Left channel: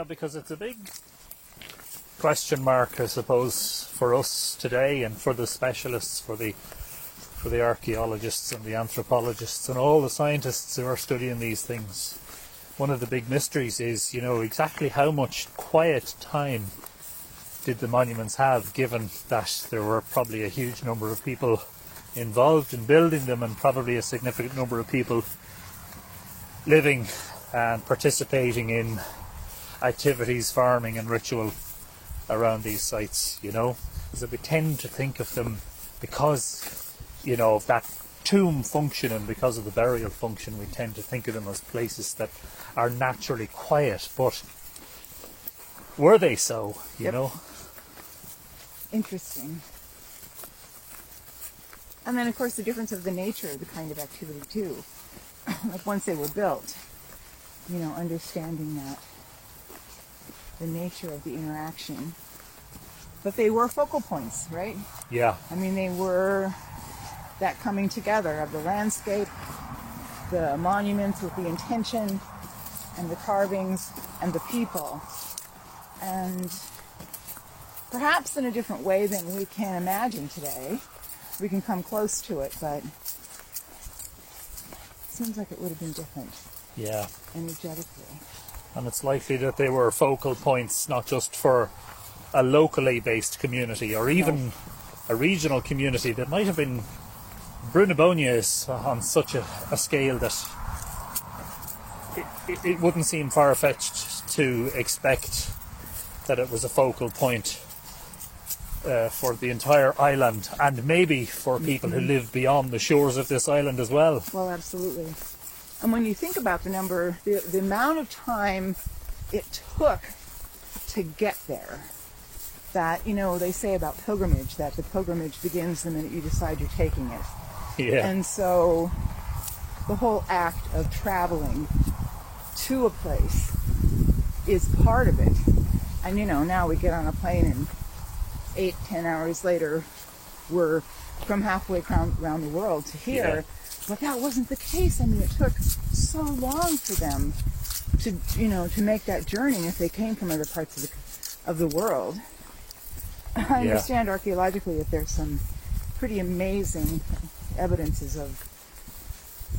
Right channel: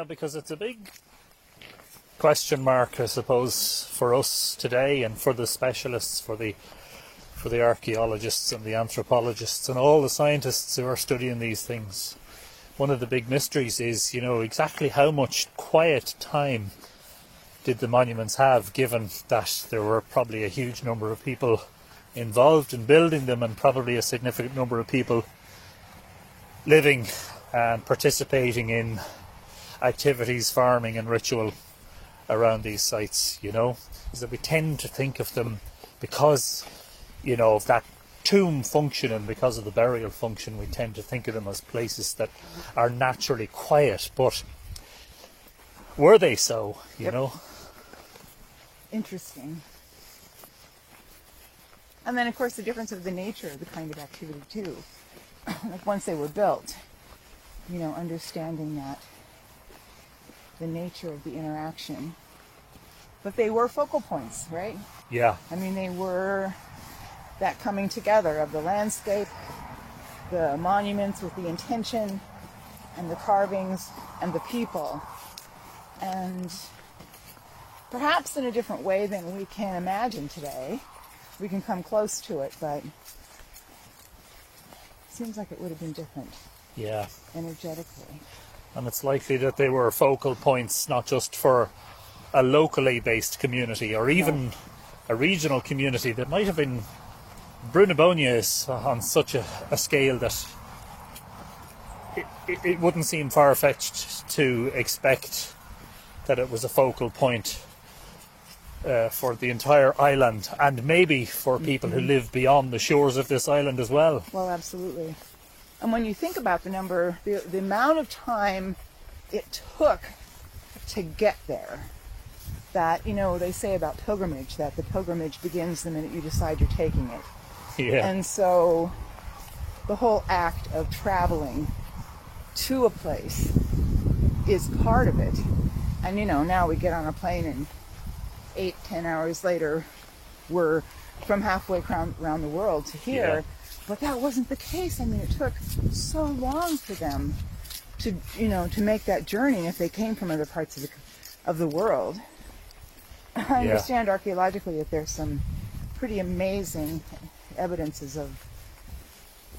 Yeah, because it's a big question mark, I suppose, for us today and for the specialists, for the archaeologists and the anthropologists and all the scientists who are studying these things. One of the big mysteries is, you know, exactly how much quiet time did the monuments have, given that there were probably a huge number of people involved in building them and probably a significant number of people living and participating in activities, farming and ritual around these sites, you know, is that we tend to think of them because, you know, of that tomb function and because of the burial function, we tend to think of them as places that are naturally quiet, but were they so, you know? Interesting. And then of course the difference of the nature of the kind of activity too. Like once they were built, you know, understanding that the nature of the interaction. But they were focal points, right? Yeah. I mean, they were that coming together of the landscape, the monuments with the intention, and the carvings, and the people. And perhaps in a different way than we can imagine today. We can come close to it, but it seems like it would have been different. Yeah. Energetically. And it's likely that they were focal points not just for a locally based community or even a regional community that might have been. Brunebonia is on such a scale that it wouldn't seem far-fetched to expect that it was a focal point for the entire island and maybe for people who live beyond the shores of this island as well. Well, absolutely. And when you think about the amount of time it took to get there, that, you know, they say about pilgrimage, that the pilgrimage begins the minute you decide you're taking it. Yeah. And so the whole act of traveling to a place is part of it. And, you know, now we get on a plane and 8-10 hours later we're from halfway around the world to here. Yeah. But that wasn't the case. I mean, it took so long for them to, you know, to make that journey if they came from other parts of the world. I understand archaeologically that there's some pretty amazing evidences of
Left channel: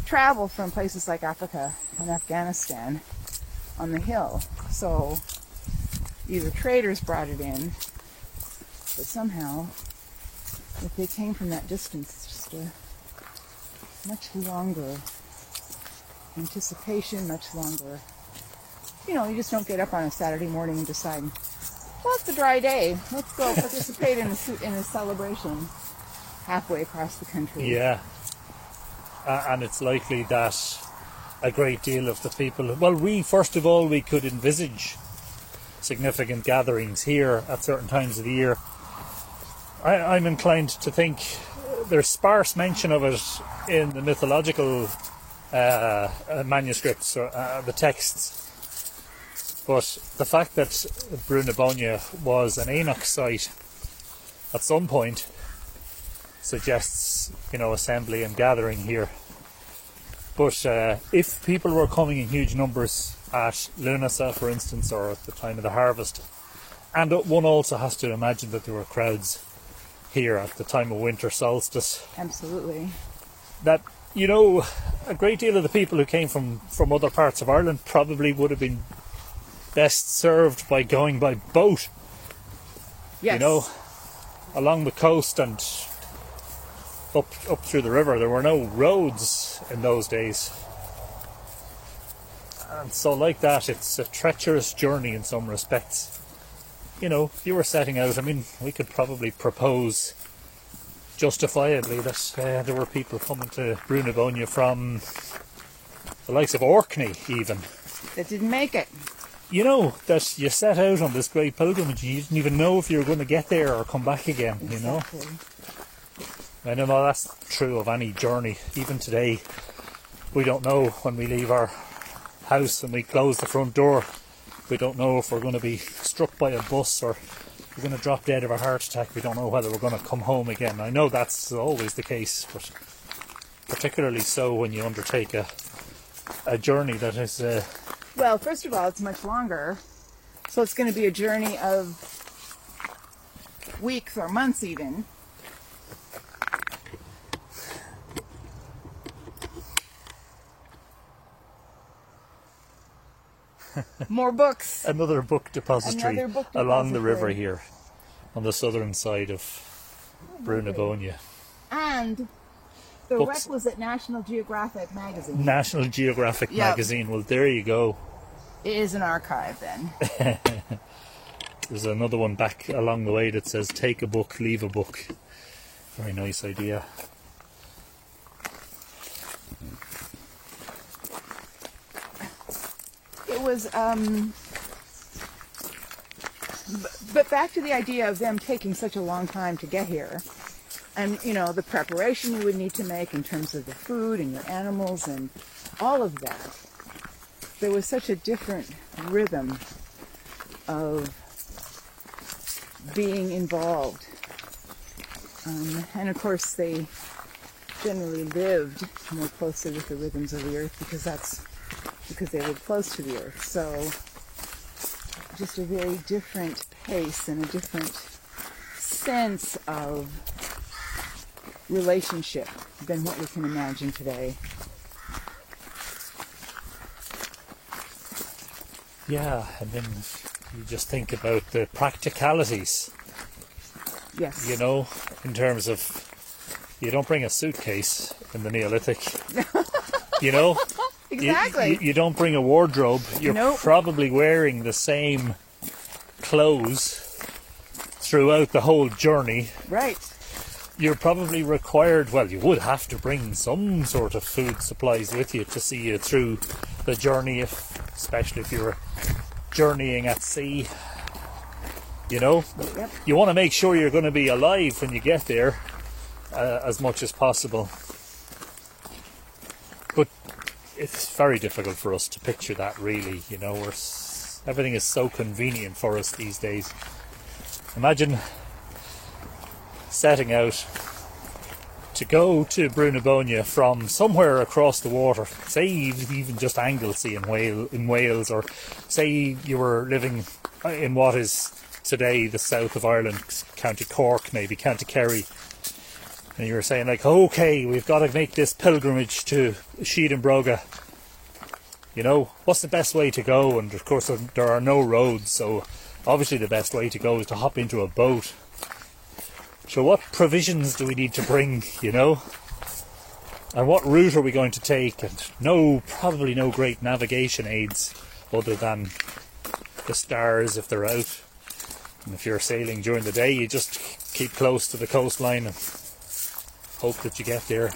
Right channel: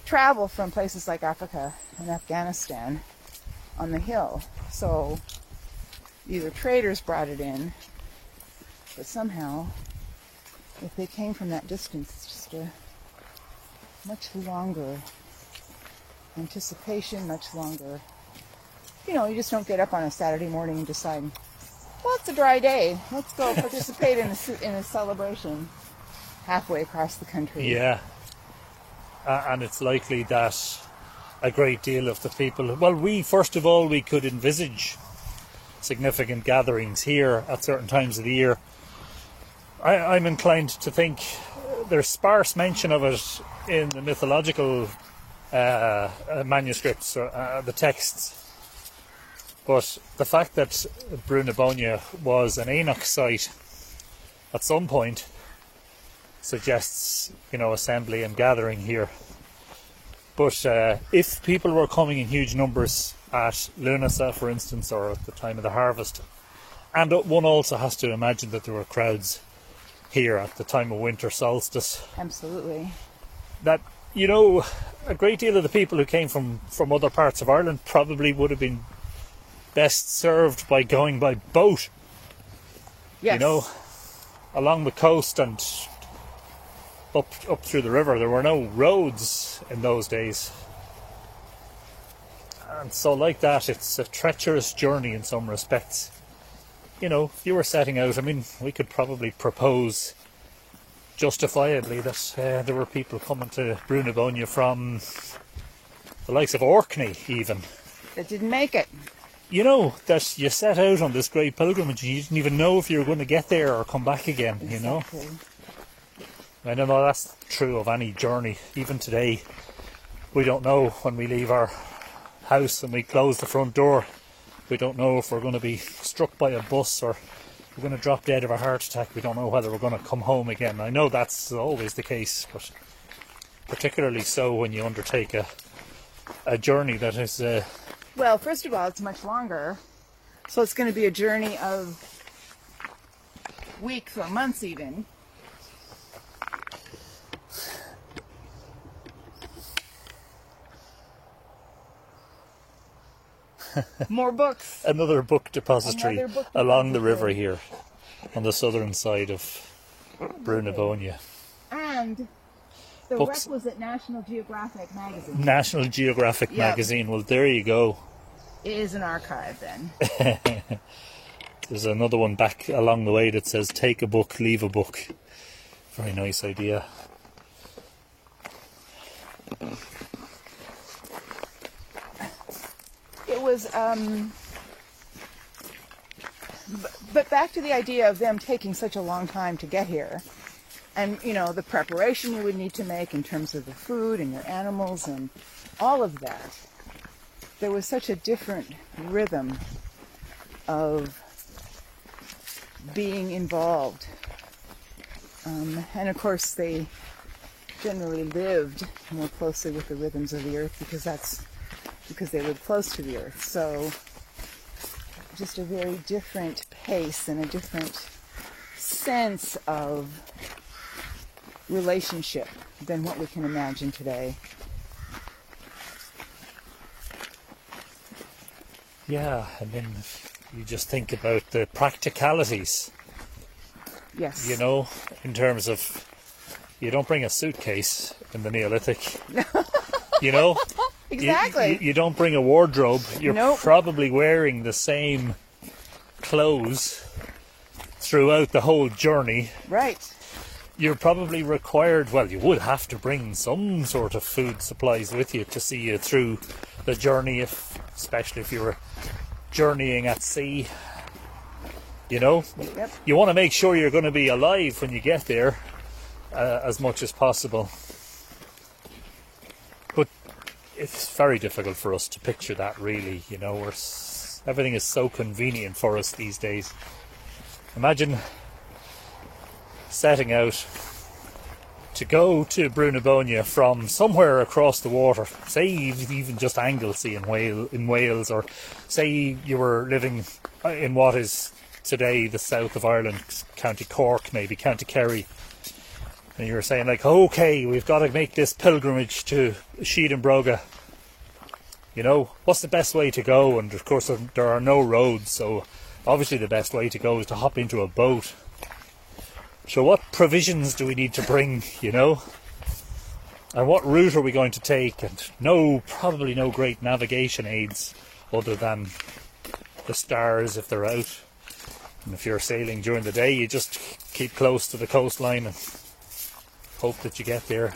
travel from places like Africa and Afghanistan on the hill. So either traders brought it in, but somehow, if they came from that distance, it's just a much longer anticipation, much longer. You know, you just don't get up on a Saturday morning and decide, well, it's a dry day. Let's go participate in a celebration halfway across the country. Yeah. And it's likely that a great deal of the people... Well, first of all, we could envisage significant gatherings here at certain times of the year. I'm inclined to think there's sparse mention of it in the mythological manuscripts, the texts. But the fact that Brunebonia was an Enoch site at some point suggests, you know, assembly and gathering here. But if people were coming in huge numbers at Lunasa, for instance, or at the time of the harvest, and one also has to imagine that there were crowds here at the time of winter solstice. Absolutely. That, you know, a great deal of the people who came from other parts of Ireland probably would have been best served by going by boat. Yes. You know, along the coast and up through the river. There were no roads in those days. And so like that, it's a treacherous journey in some respects. You know, if you were setting out, I mean, we could probably propose justifiably that there were people coming to Brunebonia from the likes of Orkney even. That didn't make it. You know, that you set out on this great pilgrimage, you didn't even know if you were going to get there or come back again, you know. Exactly. I know that's true of any journey. Even today, we don't know when we leave our house and we close the front door. We don't know if we're going to be struck by a bus or we're going to drop dead of a heart attack. We don't know whether we're going to come home again. I know that's always the case, but particularly so when you undertake a journey that is... Well, first of all, it's much longer So it's going to be a journey of weeks or months even. More books. Another book depository, Another book along the river depository. here on the southern side of Brunabonia. And the Books. requisite National Geographic magazine. National Geographic Yep. magazine. Well, there you go. It is an archive then. There's another one back along the way that says take a book, leave a book. Very nice idea. It was, but back to the idea of them taking such a long time to get here. And, you know, the preparation you would need to make in terms of the food and your animals and all of that. There was such a different rhythm of being involved. And of course they generally lived more closely with the rhythms of the earth because they lived close to the earth. So just a very different pace and a different sense of relationship than what we can imagine today. Yeah, and then you just think about the practicalities, Yes. you know, in terms of you don't bring a suitcase in the Neolithic, you know? Exactly. You don't bring a wardrobe. You're Nope. probably wearing the same clothes throughout the whole journey. Right. You're probably required, well, you would have to bring some sort of food supplies with you to see you through the journey, especially if you're journeying at sea. You know, Yep. you want to make sure you're going to be alive when you get there as much as possible. But it's very difficult for us to picture that, really. You know, everything is so convenient for us these days. Imagine setting out to go to Brunabonia from somewhere across the water, say even just Anglesey in Wales, or say you were living in what is today the south of Ireland, County Cork, maybe County Kerry, and you were saying like, okay, we've got to make this pilgrimage to Sheedenbroga. You know, what's the best way to go? And of course there are no roads, so obviously the best way to go is to hop into a boat. So what provisions do we need to bring, you know? And what route are we going to take? And probably no great navigation aids other than the stars if they're out. And if you're sailing during the day, you just keep close to the coastline and hope that you get there.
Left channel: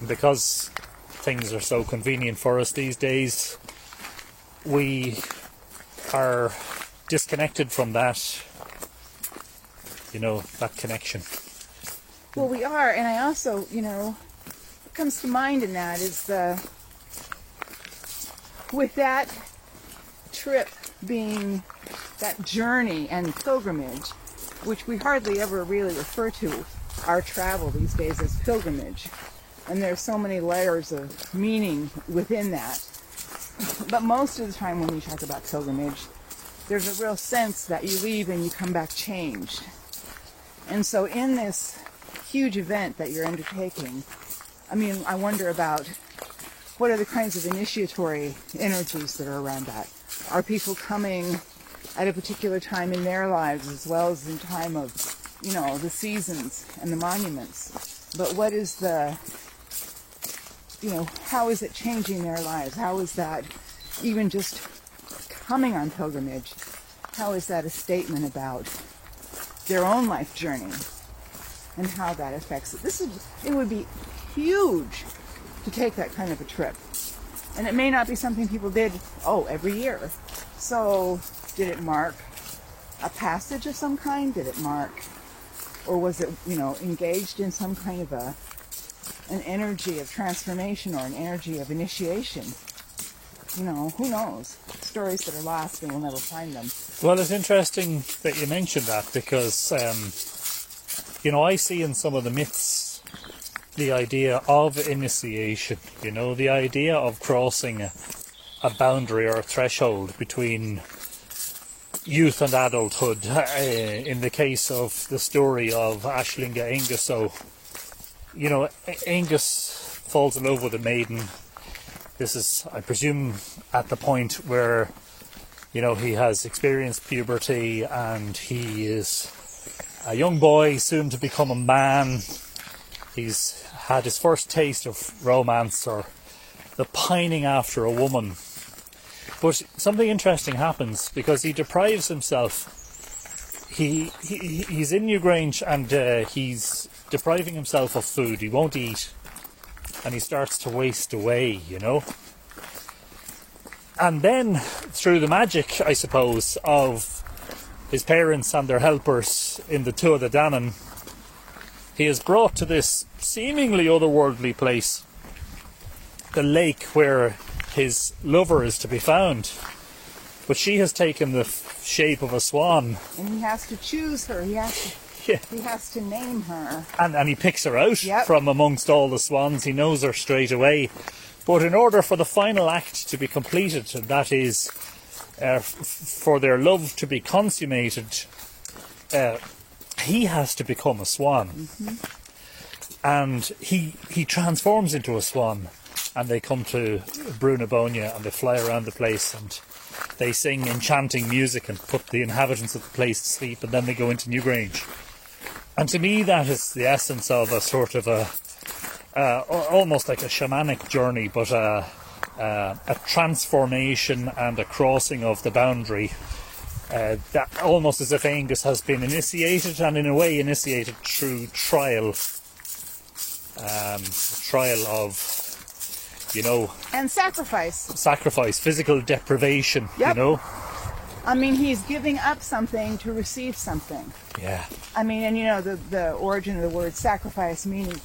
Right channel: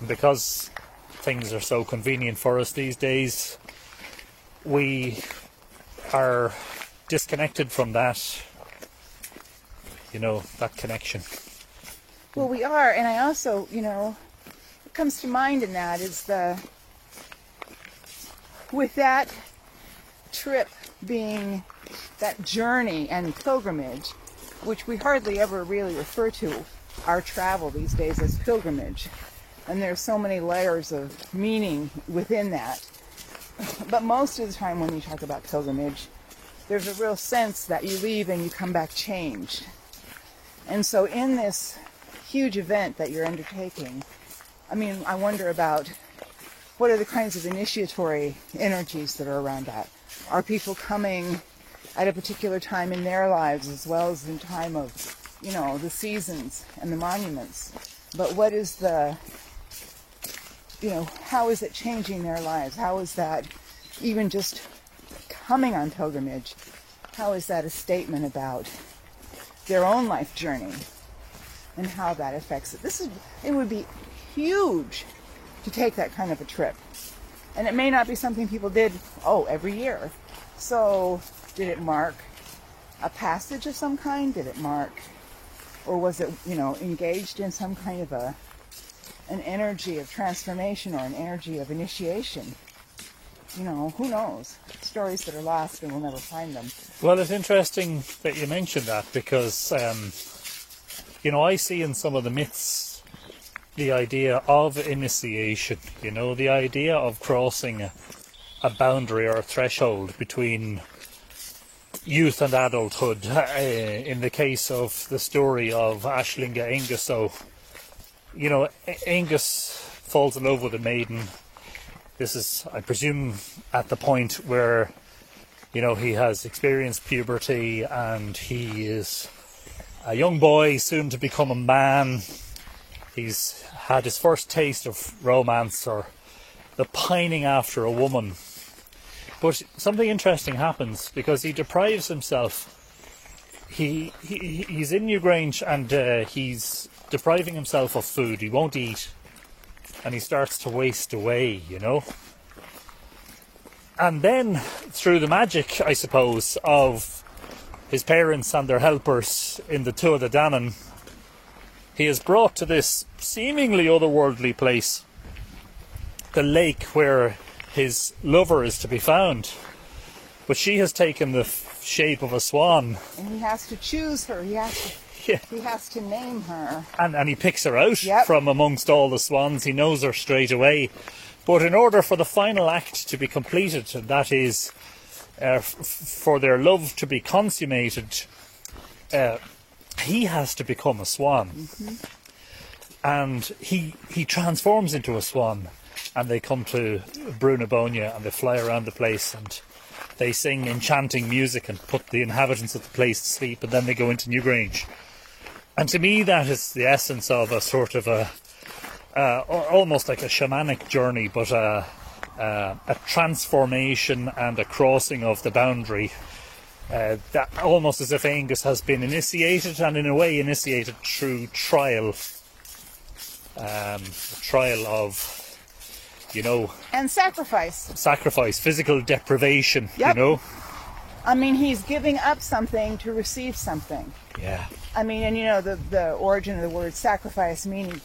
And because things are so convenient for us these days, we are disconnected from that, you know, that connection. Well, we are, and I also, you know, what comes to mind in that is with that trip being that journey and pilgrimage, which we hardly ever really refer to our travel these days as pilgrimage. And there's so many layers of meaning within that. But most of the time when we talk about pilgrimage, there's a real sense that you leave and you come back changed. And so in this huge event that you're undertaking, I mean, I wonder about what are the kinds of initiatory energies that are around that. Are people coming at a particular time in their lives as well as in time of, you know, the seasons and the monuments? But what is the, you know, how is it changing their lives? How is that even just coming on pilgrimage? How is that a statement about their own life journey and how that affects it? It would be huge to take that kind of a trip. And it may not be something people did, every year. So did it mark a passage of some kind? Did it mark, or was it, you know, engaged in some kind of an energy of transformation or an energy of initiation? You know, who knows? Stories that are lost and we'll never find them. Well, it's interesting that you mentioned that because, you know, I see in some of the myths the idea of initiation, you know, the idea of crossing a boundary or a threshold between youth and adulthood. In the case of the story of Aisling Aengus, so Aengus falls in love with a maiden. This is, I presume, at the point where he has experienced puberty and he is a young boy, soon to become a man. He's had his first taste of romance or the pining after a woman. But something interesting happens because he deprives himself. He's in Newgrange and he's depriving himself of food. He won't eat and he starts to waste away, And then, through the magic, I suppose, of his parents and their helpers in the Tuatha De Danann, he is brought to this seemingly otherworldly place, the lake where his lover is to be found. But she has taken the shape of a swan. And he has to choose her. He has to name her. And he picks her out from amongst all the swans. He knows her straight away. But in order for the final act to be completed, and that is for their love to be consummated, he has to become a swan. And he transforms into a swan. And they come to Brúnaboinne and they fly around the place and they sing enchanting music and put the inhabitants of the place to sleep, and then they go into Newgrange. And to me that is the essence of a sort of almost like a shamanic journey, but a transformation and a crossing of the boundary, that almost as if Aengus has been initiated, and in a way initiated through trial of, and sacrifice, physical deprivation, I mean, he's giving up something to receive something. Yeah. I mean, and the origin of the word sacrifice meaning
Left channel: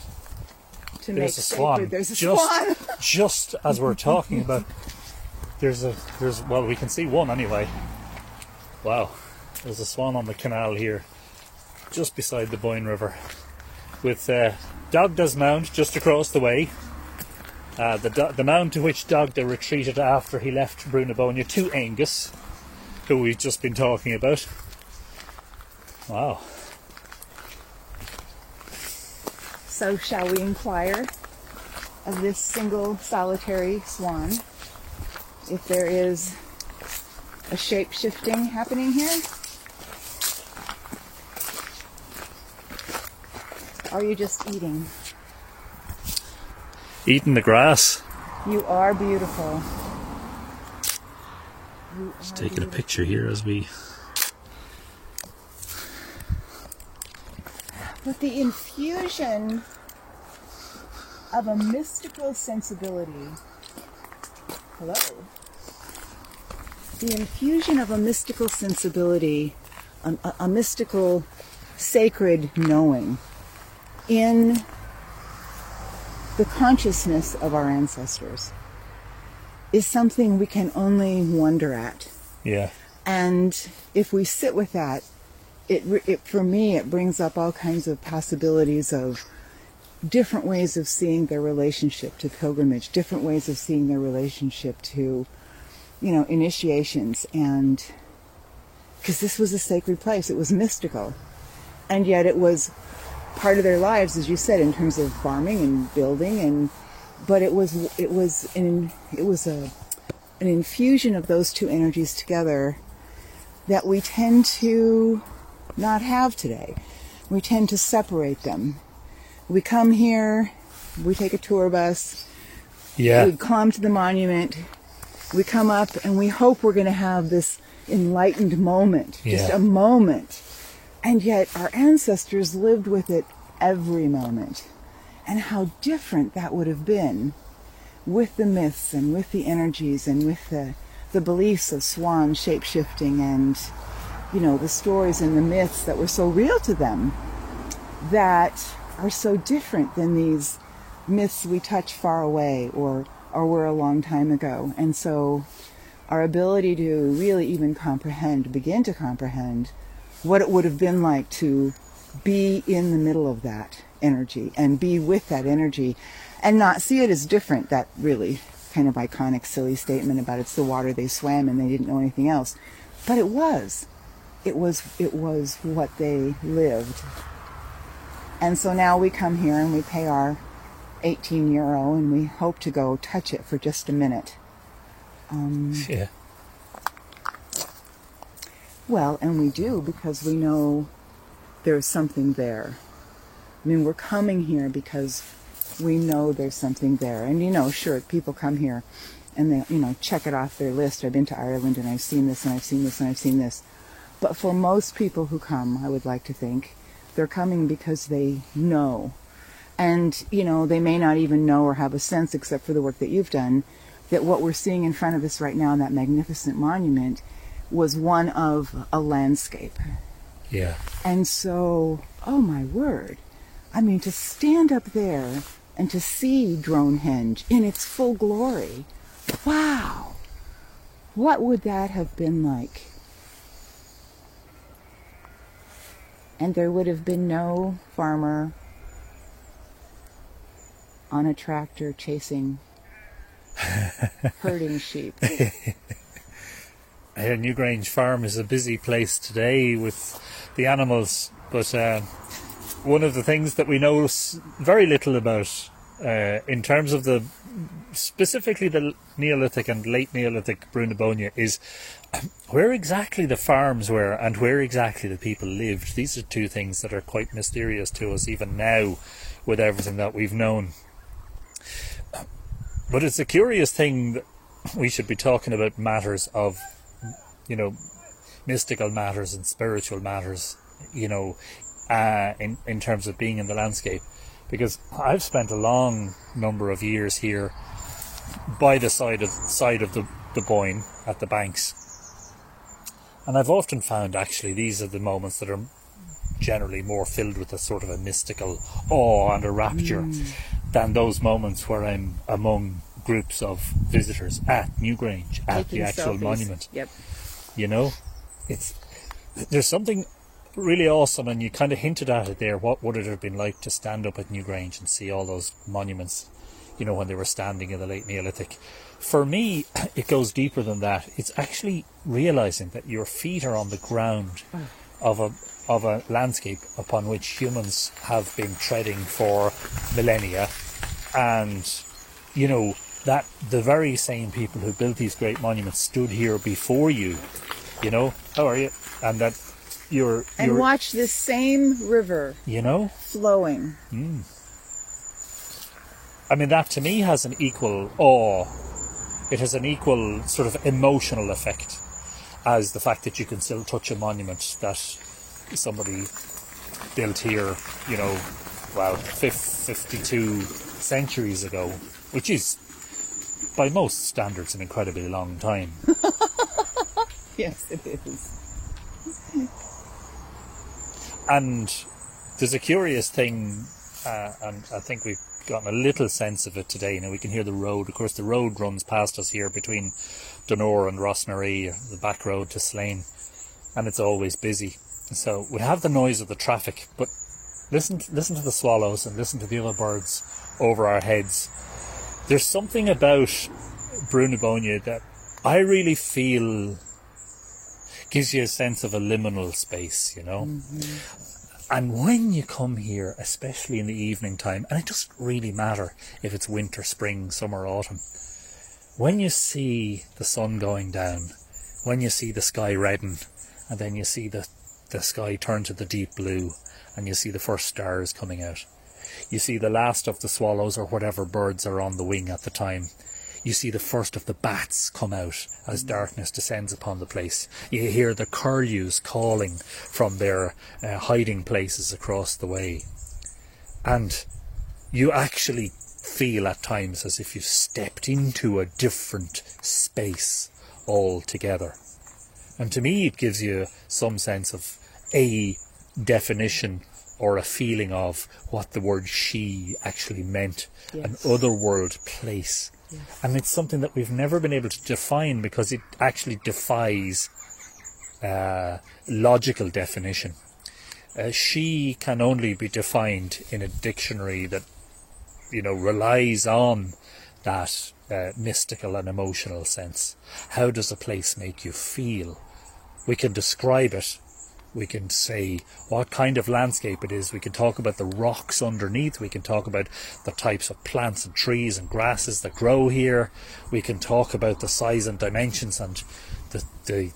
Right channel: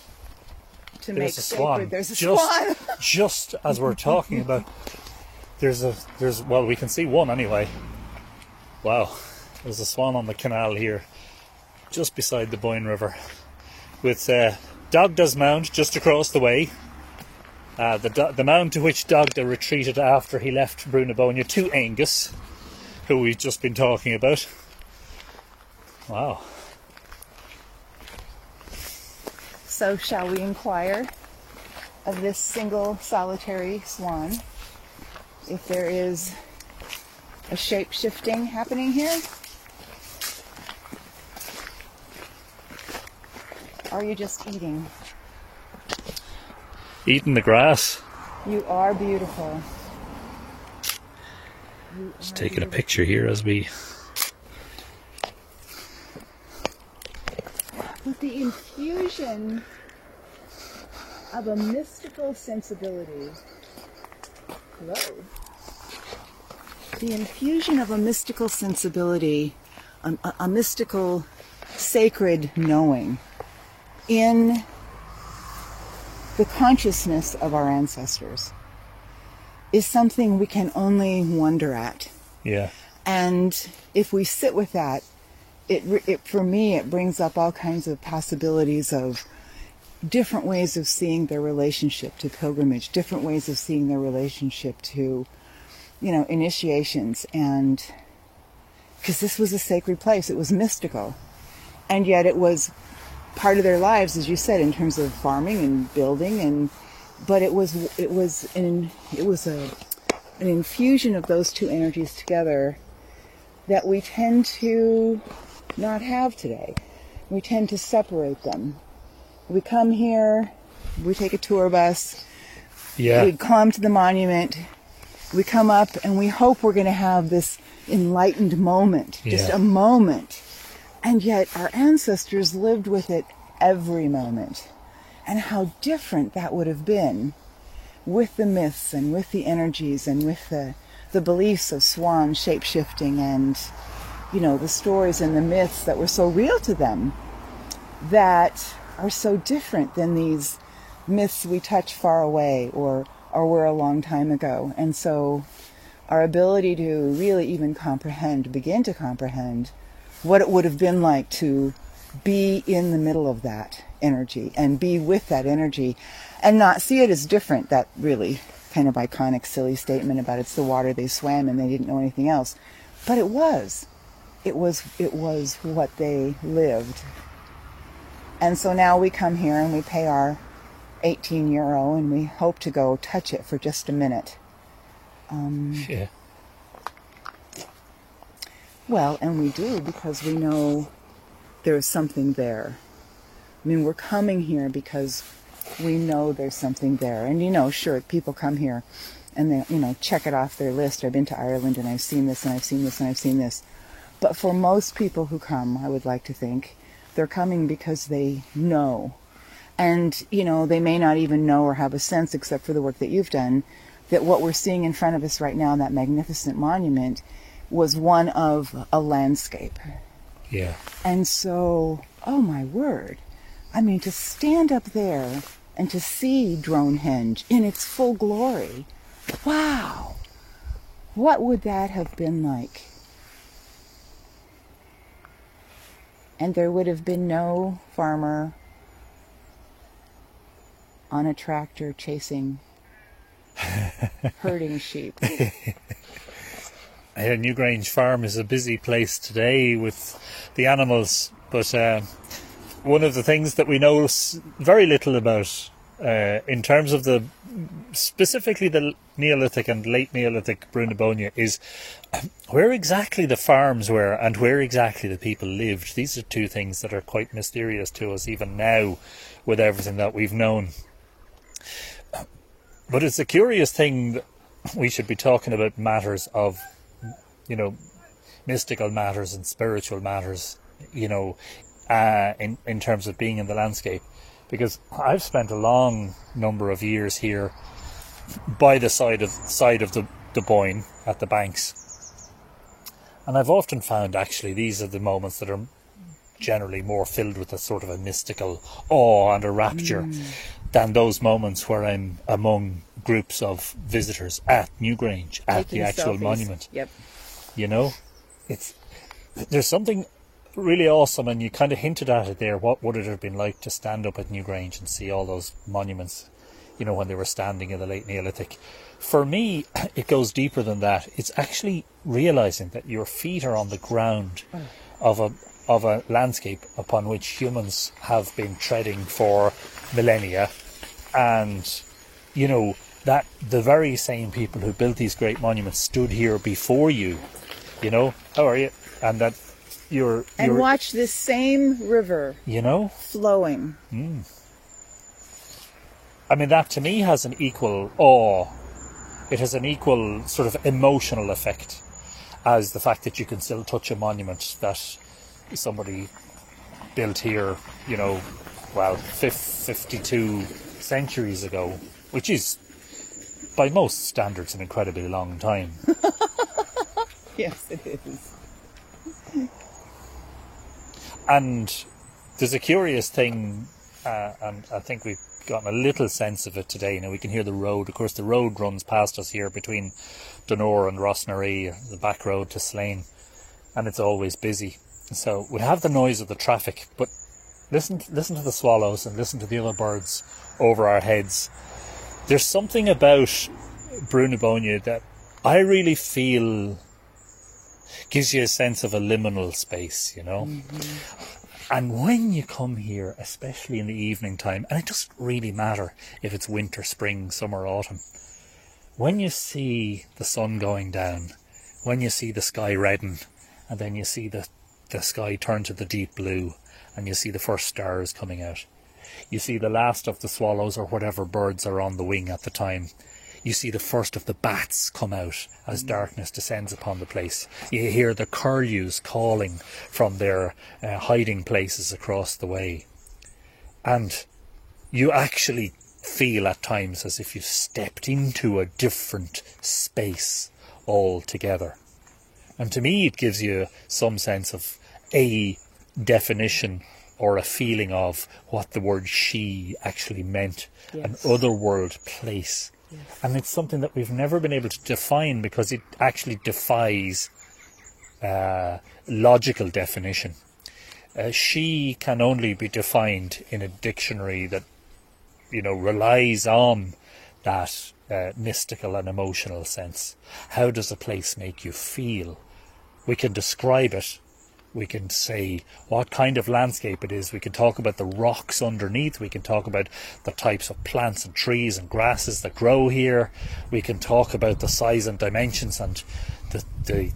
to make sacred. There's a swan. Just as we're talking about, well, we can see one anyway. Wow, there's a swan on the canal here, just beside the Boyne River, with Dagda's Mound just across the way. The mound to which Dagda retreated after he left Brúnaboinne to Aengus, who we've just been talking about. Wow. So shall we inquire of this single solitary swan if there is a shape-shifting happening here? Or are you just eating? Eating the grass. You are beautiful. Just taking a picture here as we... With the infusion of a mystical sensibility. Hello. The infusion of a mystical sensibility, a mystical, sacred knowing in the consciousness of our ancestors is something we can only wonder at. Yeah. And if we sit with that, for me, it brings up all kinds of possibilities of different ways of seeing their relationship to pilgrimage, different ways of seeing their relationship to, initiations. And because this was a sacred place, it was mystical. And yet it was part of their lives, as you said, in terms of farming and building, but it was an infusion of those two energies together that we tend to not have today. We tend to separate them. We come here, we take a tour bus, we come to the monument, we come up and we hope we're going to have this enlightened moment, just a moment. And yet our ancestors lived with it every moment. And how different that would have been with the myths and with the energies and with the beliefs of swan shape-shifting and, the stories and the myths that were so real to them that are so different than these myths we touch far away or were a long time ago. And so our ability to really even begin to comprehend what it would have been like to be in the middle of that energy and be with that energy and not see it as different, that really kind of iconic, silly statement about it's the water they swam and they didn't know anything else. But it was. It was what they lived. And so now we come here and we pay our 18 euro and we hope to go touch it for just a minute. Yeah. Well, and we do because we know there's something there. I mean, we're coming here because we know there's something there. And, you know, sure, people come here and they, you know, check it off their list. I've been to Ireland and I've seen this and I've seen this and I've seen this. But for most people who come, I would like to think, they're coming because they know. And, you know, they may not even know or have a sense, except for the work that you've done, that what we're seeing in front of us right now, that magnificent monument, was one of a landscape. Yeah. And so, oh my word, I mean, to stand up there and to see Dronehenge in its full glory, wow, what would that have been like? And there would have been no farmer on a tractor chasing, herding sheep. Newgrange Farm is a busy place today with the animals, but one of the things that we know very little about in terms of specifically the Neolithic and late Neolithic Brunebonia is where exactly the farms were and where exactly the people lived. These are two things that are quite mysterious to us even now with everything that we've known. But it's a curious thing that we should be talking about matters of, you know, mystical matters and spiritual matters, you know, in terms of being in the landscape. Because I've spent a long number of years here by the side of the Boyne at the banks. And I've often found actually these are the moments that are generally more filled with a sort of a mystical awe and a rapture than those moments where I'm among groups of visitors at Newgrange, at the actual monument. Yep. You know, there's something really awesome, and you kind of hinted at it there. What would it have been like to stand up at Newgrange and see all those monuments, you know, when they were standing in the late Neolithic? For me, it goes deeper than that. It's actually realising that your feet are on the ground of a landscape upon which humans have been treading for millennia, and, you know, that the very same people who built these great monuments stood here before you, you know, how are you? And that you're watch this same river, you know, flowing. I mean, that to me has an equal awe. It has an equal sort of emotional effect as the fact that you can still touch a monument that somebody built here, you know, well, 52 centuries ago, which is, by most standards, an incredibly long time. Yes, it is. And there's a curious thing, and I think we've gotten a little sense of it today. You know, we can hear the road. Of course, the road runs past us here between Donore and Rossnaree, the back road to Slane, and it's always busy. So we have the noise of the traffic, but listen to the swallows and listen to the other birds over our heads. There's something about Brunebonia that I really feel gives you a sense of a liminal space, you know. And when you come here, especially in the evening time, and it doesn't really matter if it's winter, spring, summer, autumn, when you see the sun going down, when you see the sky redden, and then you see the sky turn to the deep blue, and you see the first stars coming out, you see the last of the swallows or whatever birds are on the wing at the time, you see the first of the bats come out as darkness descends upon the place. You hear the curlews calling from their hiding places across the way. And you actually feel at times as if you stepped into a different space altogether. And to me it gives you some sense of a definition or a feeling of what the word she actually meant. Yes. An otherworld place. Yes. And it's something that we've never been able to define because it actually defies logical definition. She can only be defined in a dictionary that, you know, relies on that mystical and emotional sense. How does a place make you feel? We can describe it. We can say what kind of landscape it is. We can talk about the rocks underneath. We can talk about the types of plants and trees and grasses that grow here. We can talk about the size and dimensions and the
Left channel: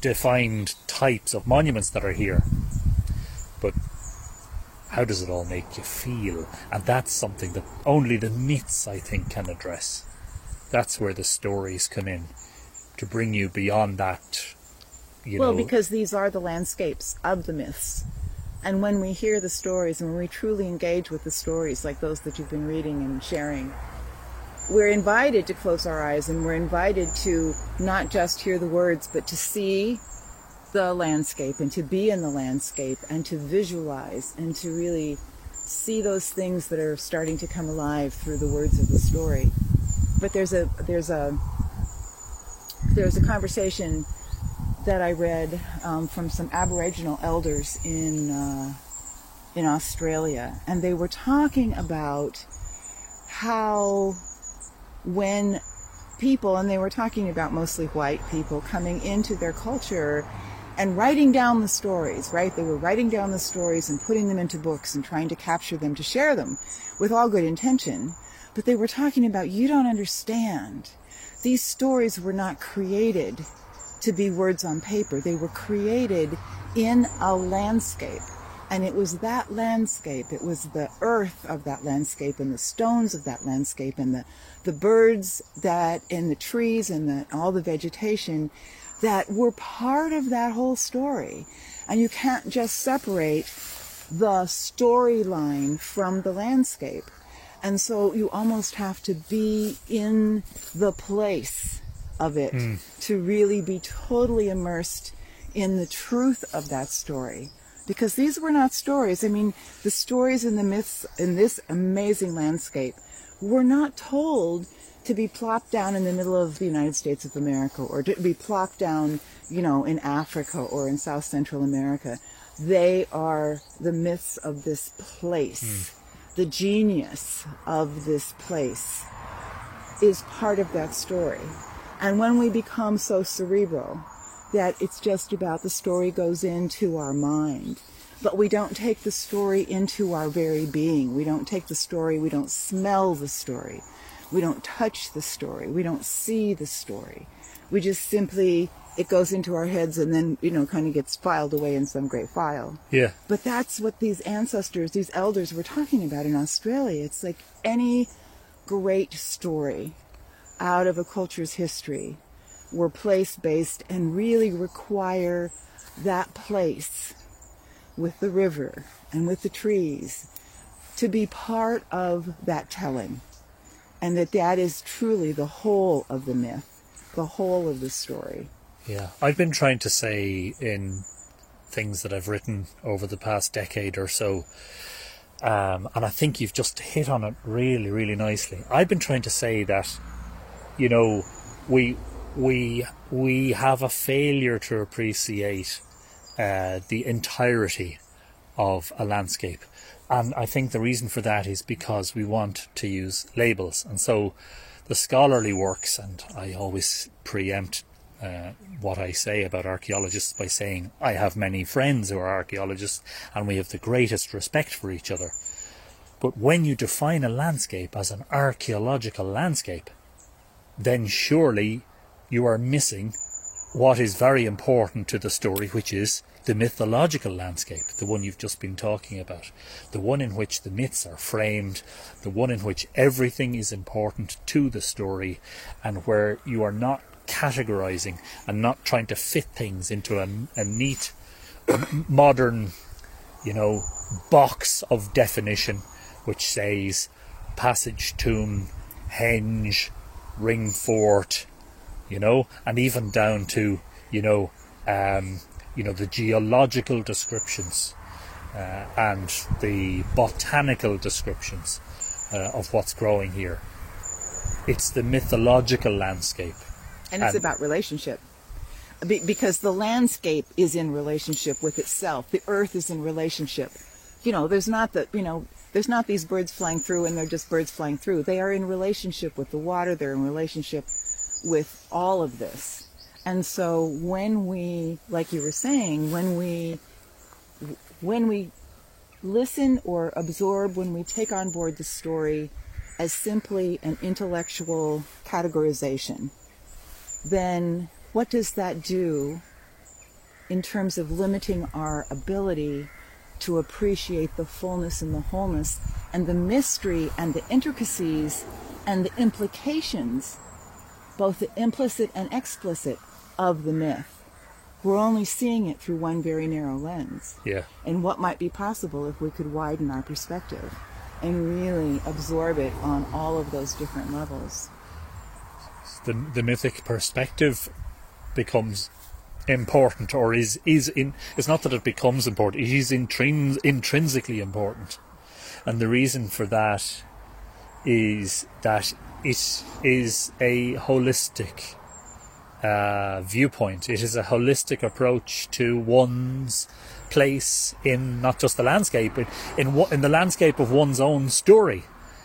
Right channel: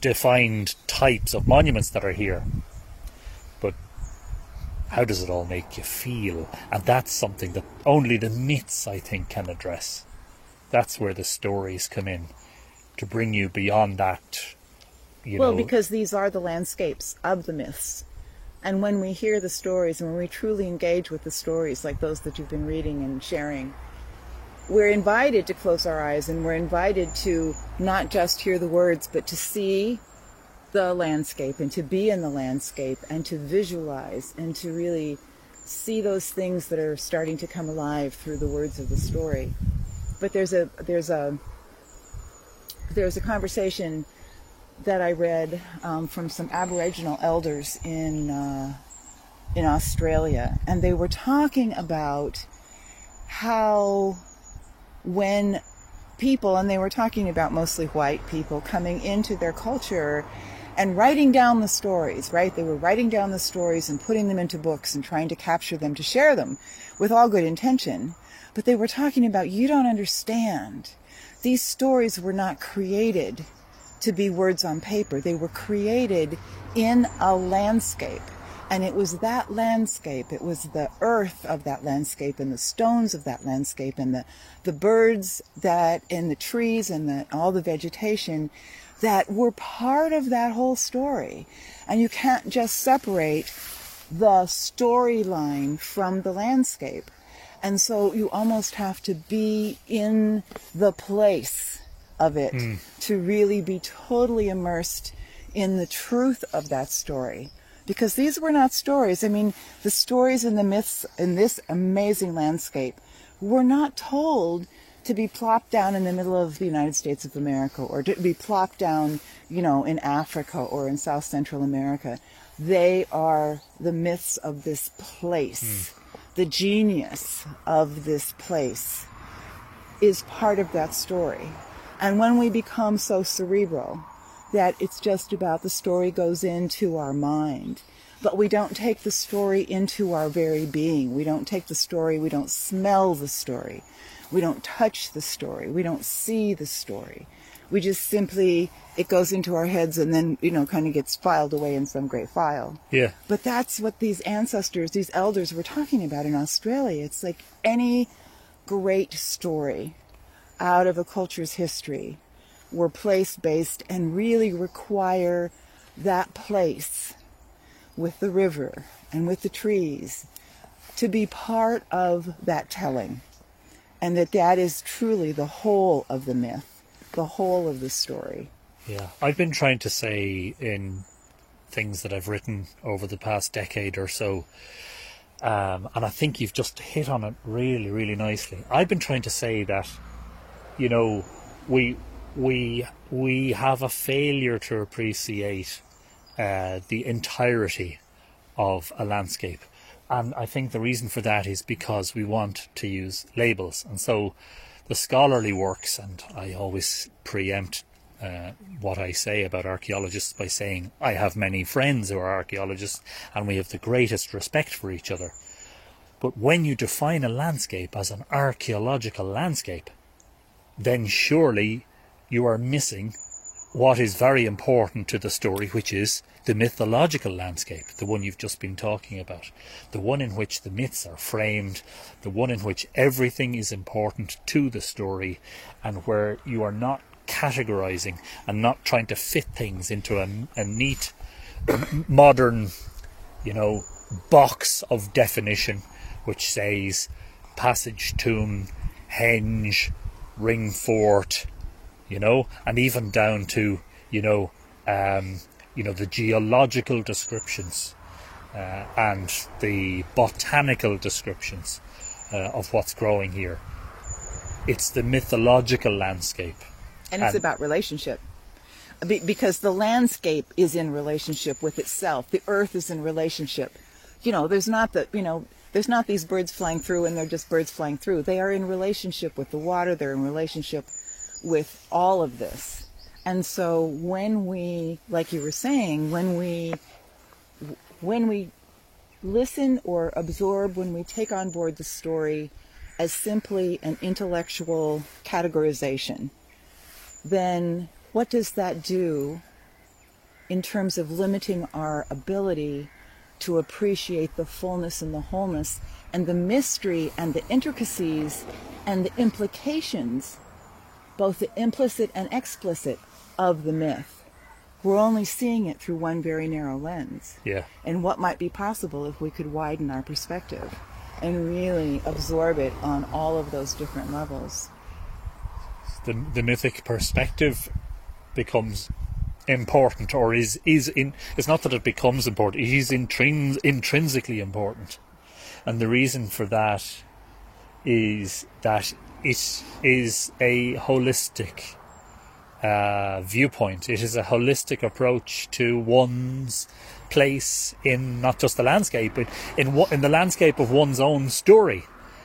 defined types of monuments that are here. But how does it all make you feel? And that's something that only the myths, I think, can address. That's where the stories come in, to bring you beyond that. Well, because these are the landscapes of the myths. And when we hear the stories and when we truly engage with the stories like those that you've been reading and sharing, we're invited to close our eyes, and we're invited to not just hear the words, but to see the landscape and to be in the landscape and to visualize and to really see those things that are starting to come alive through the words of the story. But there's a conversation that I read from some Aboriginal elders in Australia, and they were talking about how when people, and they were talking about mostly white people, coming into their culture and writing down the stories, right? They were writing down the stories and putting them into books and trying to capture them, to share them with all good intention. But they were talking about, you don't understand. These stories were not created to be words on paper. They were created in a landscape. And it was that landscape, it was the earth of that landscape and the stones of that landscape and the birds that, and the trees and all the vegetation that were part of that whole story. And you can't just separate the storyline from the landscape. And so you almost have to be in the place of it to really be totally immersed in the truth of that story. Because these were not stories. I mean, the stories and the myths in this amazing landscape were not told to be plopped down in the middle of the United States of America or to be plopped down, in Africa or in South Central America. They are the myths of this place. The genius of this place is part of that story. And when we become so cerebral that it's just about the story goes into our mind, but we don't take the story into our very being. We don't take the story, we don't smell the story. We don't touch the story. We don't see the story. We just simply, it goes into our heads and then, kind of gets filed away in some great file. Yeah. But that's what these ancestors, these elders were talking about in Australia. It's like any great story out of a culture's history were place-based and really require that place with the river and with the trees to be part of that telling. And that is truly the whole of the myth, the whole of the story. Yeah, I've been trying to say in things that I've written over the past decade or so, and I think you've just hit on it really, really nicely. I've been trying to say that, we have a failure to appreciate the entirety of a landscape. And I think the reason for that is because we want to use labels. And so the scholarly works, and I always preempt what I say about archaeologists by saying I have many friends who are archaeologists and we have the greatest respect for each other. But when you define a landscape as an archaeological landscape, then surely you are missing what is very important to the story, which is the mythological landscape, the one you've just been talking about, the one in which the myths are framed, the one in which everything is important to the story, and where you are not categorizing and not trying to fit things into a neat, modern, box of definition, which says passage, tomb, henge, ring fort, and even down to, the geological descriptions and the botanical descriptions of what's growing here. It's the mythological landscape. And it's about relationship. Because the landscape is in relationship with itself. The earth is in relationship. There's not the There's not these birds flying through and they're just birds flying through. They are in relationship with the water. They're in relationship with all of this. And so when we, like you were saying, when we listen or absorb, when we take on board the story as simply an intellectual categorization, then what does that do in terms of limiting our ability to appreciate the fullness and the wholeness and the mystery and the intricacies and the implications, both the implicit and explicit, of the myth? We're only seeing it through one very narrow lens. Yeah. And what might be possible if we could widen our perspective and really absorb it on all of those different levels. The mythic perspective becomes important, or it's not that it becomes important, it is intrinsically important. And the reason for that is that it is a holistic viewpoint. It is a holistic approach to one's place in not just the landscape, but in the landscape of one's own story,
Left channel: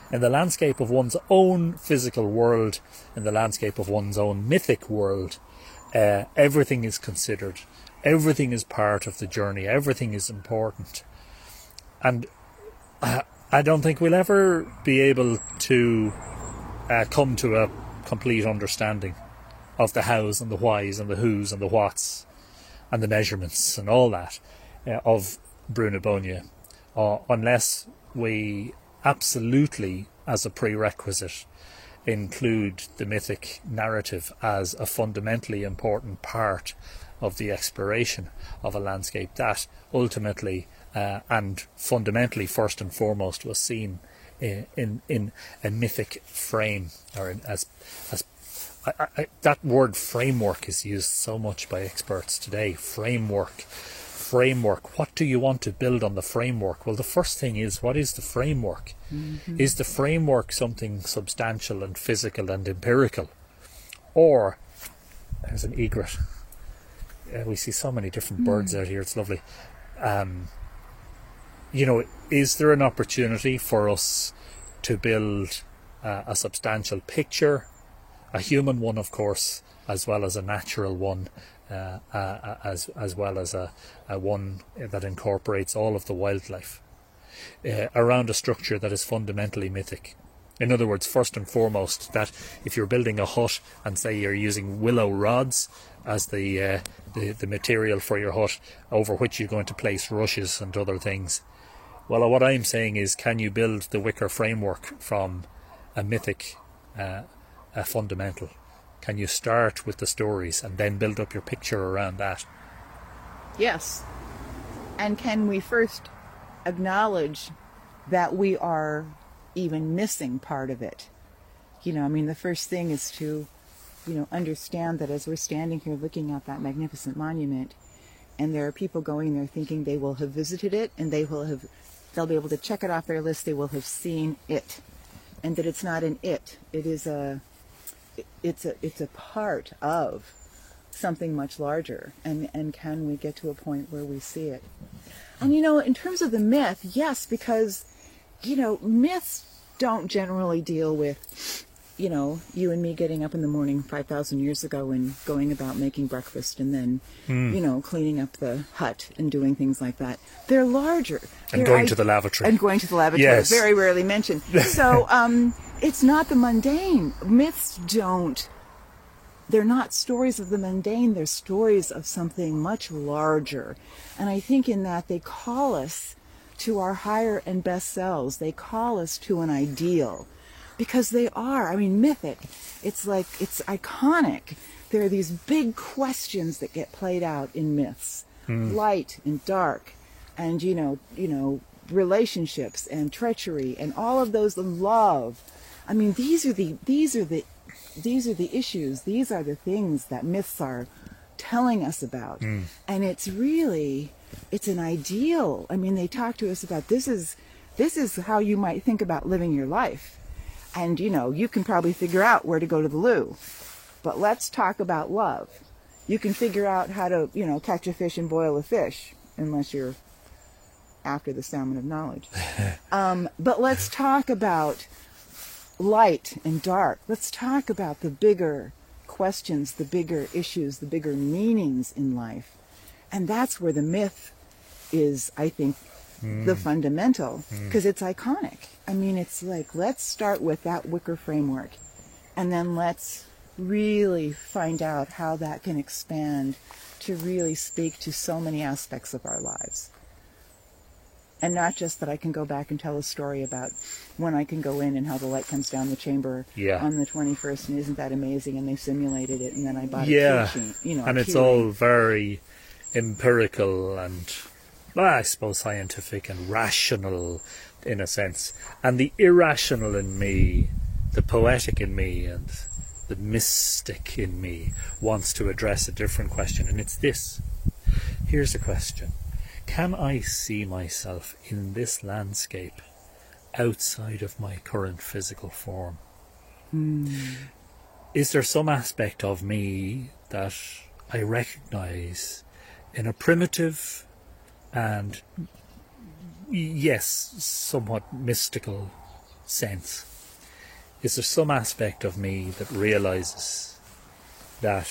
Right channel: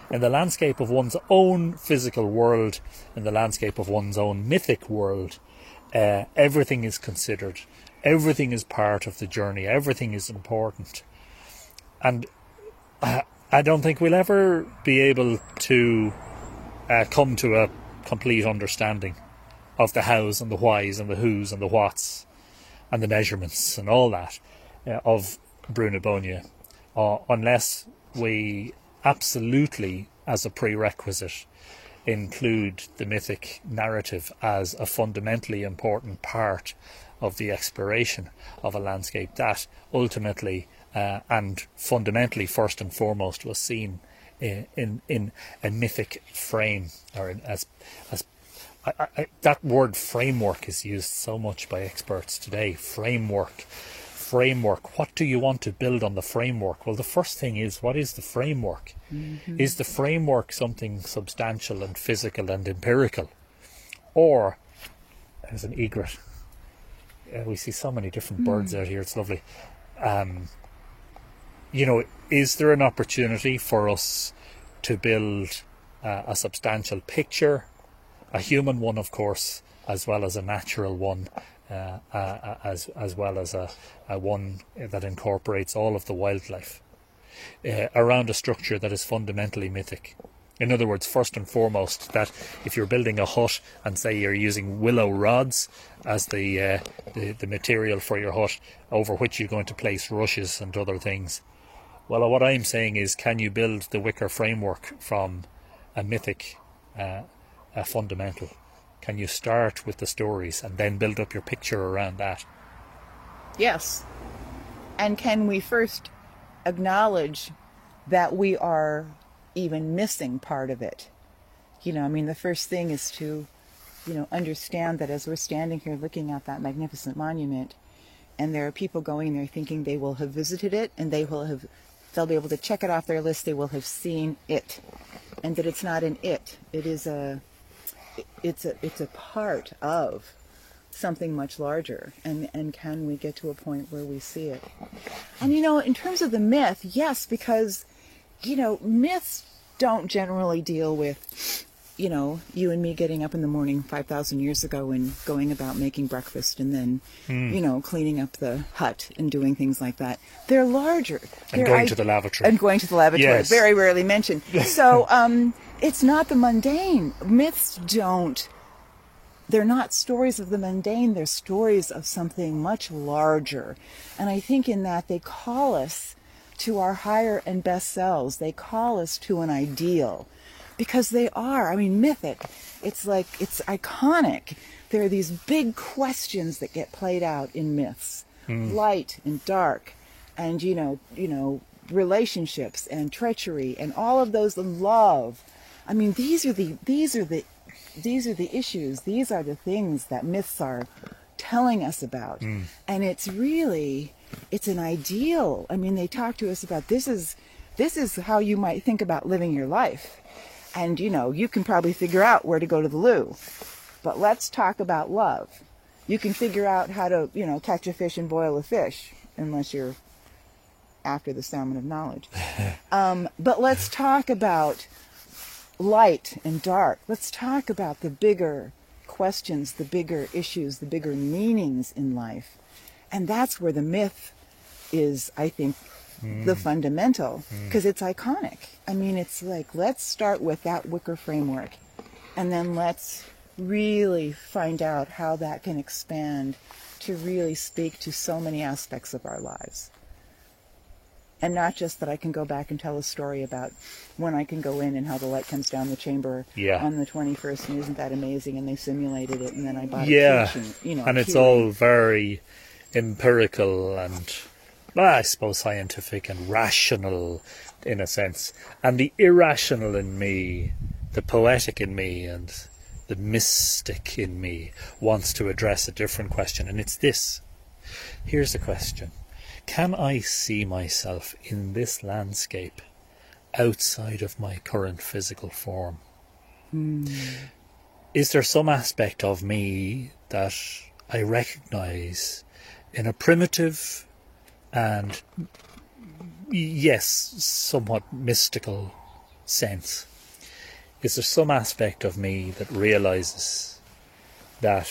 in the landscape of one's own physical world, in the landscape of one's own mythic world. Everything is considered. Everything is part of the journey. Everything is important. And I don't think we'll ever be able to come to a complete understanding of the hows and the whys and the whos and the whats and the measurements and all that of Brú na Bóinne, unless we absolutely, as a prerequisite, include the mythic narrative as a fundamentally important part of the exploration of a landscape that ultimately and fundamentally, first and foremost, was seen in a mythic frame, or that word framework is used so much by experts today. Framework. What do you want to build on the framework? Well, the first thing is, what is the framework? Mm-hmm. Is the framework something substantial and physical and empirical? Or, there's an egret. We see so many different birds out here, it's lovely. Is there an opportunity for us to build a substantial picture, a human one, of course, as well as a natural one, as well as a one that incorporates all of the wildlife, around a structure that is fundamentally mythic? In other words, first and foremost, that if you're building a hut and say you're using willow rods as the material for your hut, over which you're going to place rushes and other things, well, what I'm saying is, can you build the wicker framework from a mythic a fundamental? Can you start with the stories and then build up your picture around that? Yes. And can we first acknowledge that we are even missing part of it? The first thing is to, understand that as we're standing here looking at that magnificent monument, and there are people going there thinking they will have visited it, and they'll be able to check it off their list, they will have seen it. And that it's not an it. It is it's a part of something much larger, and can we get to a point where we see it? And in terms of the myth, yes, because myths don't generally deal with you and me getting up in the morning 5,000 years ago and going about making breakfast and then cleaning up the hut and doing things like that. They're larger. And going to the lavatory. And going to the lavatory. Yes. Very rarely mentioned. So it's not the mundane. Myths they're not stories of the mundane, they're stories of something much larger. And I think in that they call us to our higher and best selves. They call us to an ideal. Because they are, mythic. It's iconic. There are these big questions that get played out in myths. Light and dark, and relationships and treachery and all of those, love. These are the issues. These are the things that myths are telling us about. And it's an ideal. They talk to us about this is how you might think about living your life. And, you can probably figure out where to go to the loo. But let's talk about love. You can figure out how to, catch a fish and boil a fish, unless you're after the salmon of knowledge. But let's talk about light and dark. Let's talk about the bigger questions, the bigger issues, the bigger meanings in life. And that's where the myth is, I think, the fundamental, because it's iconic. I mean, it's like, let's start with that wicker framework, and then let's really find out how that can expand to really speak to so many aspects of our lives. And not just that I can go back and tell a story about when I can go in and how the light comes down the chamber on the 21st, and isn't that amazing? And they simulated it, and then I bought a sheet, and it's all very empirical and, I suppose, scientific and rational in a sense. And the irrational in me, the poetic in me, and the mystic in me wants to address a different question, and it's this. Here's the question. Can I see myself in this landscape outside of my current physical form? Is there some aspect of me that I recognize in a primitive and, yes, somewhat mystical sense? Is there some aspect of me that realizes that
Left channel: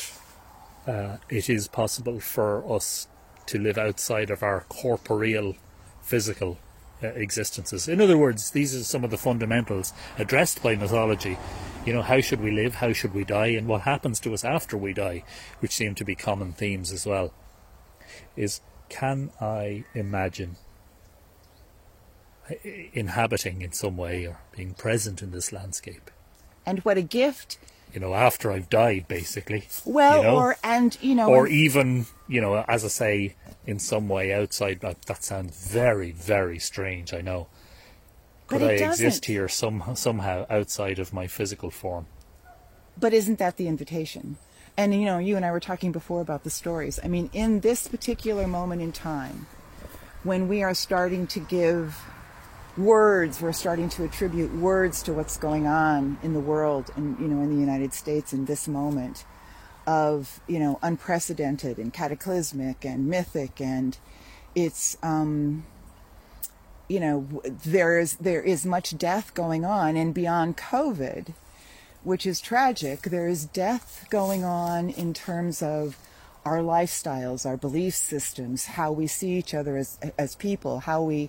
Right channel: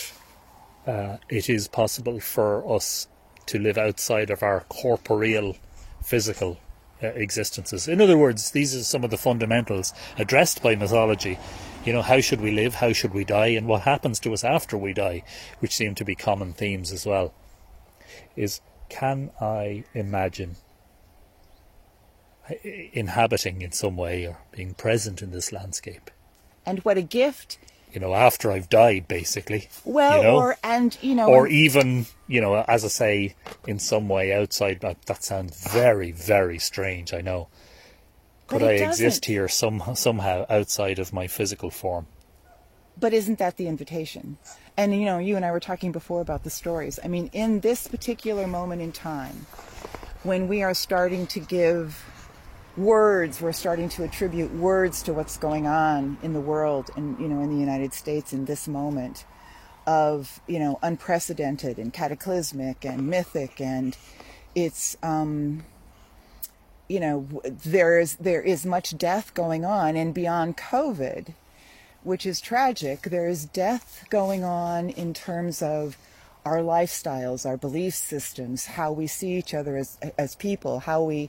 it is possible for us to live outside of our corporeal, physical existences? In other words, these are some of the fundamentals addressed by mythology. You know, how should we live, how should we die, and what happens to us after we die, which seem to be common themes as well. Is, can I imagine inhabiting in some way or being present in this landscape? And what a gift. You know, after I've died, basically. Well, you know? Or even, as I say, in some way outside. That sounds very, very strange, I know. But I exist here somehow outside of my physical form. But isn't that the invitation? And, you and I were talking before about the stories. I mean, in this particular moment in time, when we are starting to give words, we're starting to attribute words to what's going on in the world and, in the United States in this moment of, unprecedented and cataclysmic and mythic, and it's, there is much death going on, and beyond COVID, which is tragic, there is death going on in terms of our lifestyles, our belief systems, how we see each other as people, how we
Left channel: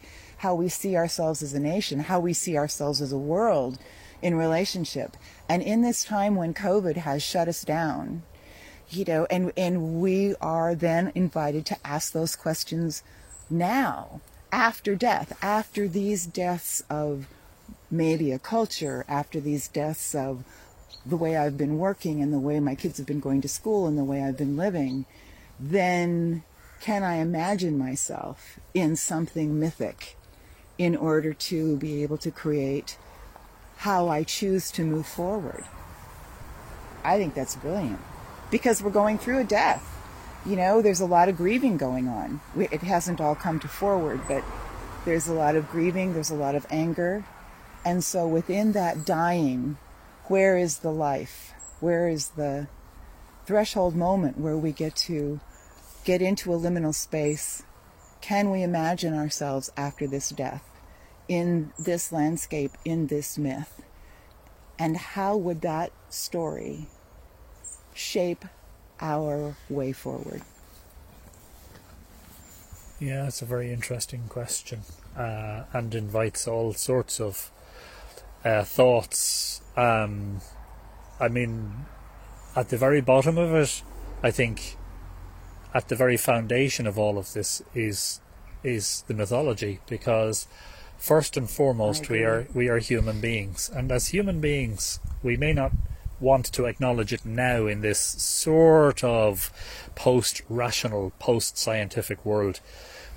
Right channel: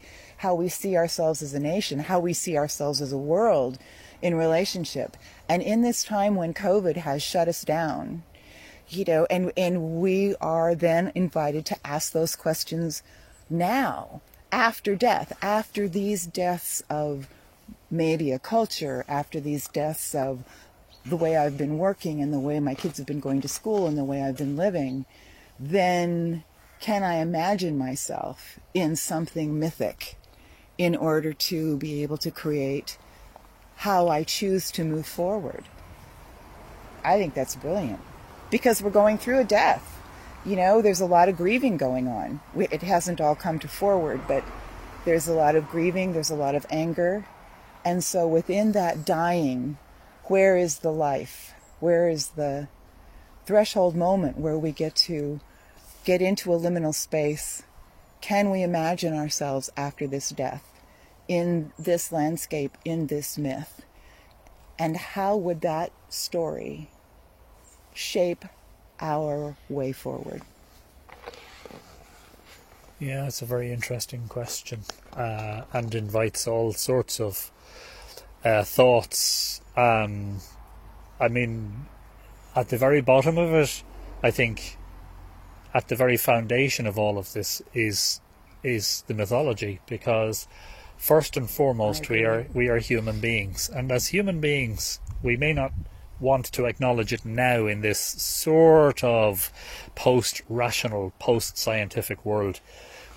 see ourselves as a nation, how we see ourselves as a world in relationship. And in this time when COVID has shut us down, and we are then invited to ask those questions now, after death, after these deaths of media culture, after these deaths of the way I've been working and the way my kids have been going to school and the way I've been living, then can I imagine myself in something mythic in order to be able to create how I choose to move forward? I think that's brilliant, because we're going through a death. There's a lot of grieving going on. It hasn't all come to forward, but there's a lot of grieving, there's a lot of anger. And so within that dying, where is the life? Where is the threshold moment where we get to get into a liminal space? Can we imagine ourselves after this death, in this landscape, in this myth? And how would that story shape our way forward? Yeah, it's a very interesting question, and invites all sorts of thoughts. I mean, at the very bottom of it, I think, at the very foundation of all of this is the mythology, because first and foremost we are human beings, and as human beings we may not want to acknowledge it now in this sort of post-rational, post-scientific world,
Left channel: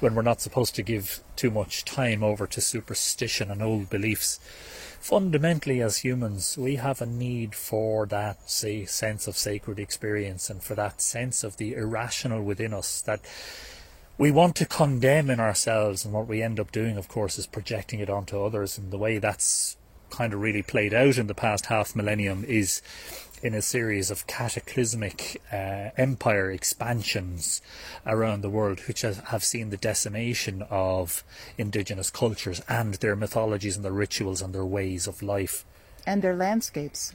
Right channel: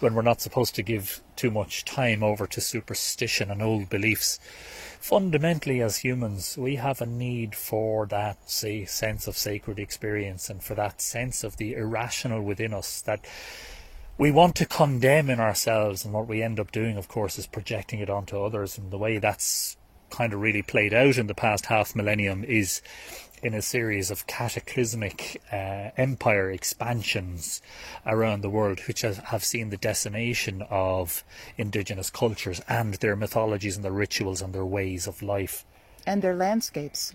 when we're not supposed to give too much time over to superstition and old beliefs. Fundamentally, as humans, we have a need for that, sense of sacred experience, and for that sense of the irrational within us that we want to condemn in ourselves. And what we end up doing, of course, is projecting it onto others. And the way that's kind of really played out in the past half millennium is in a series of cataclysmic empire expansions around the world, which have seen the decimation of indigenous cultures and their mythologies and their rituals and their ways of life. And their landscapes.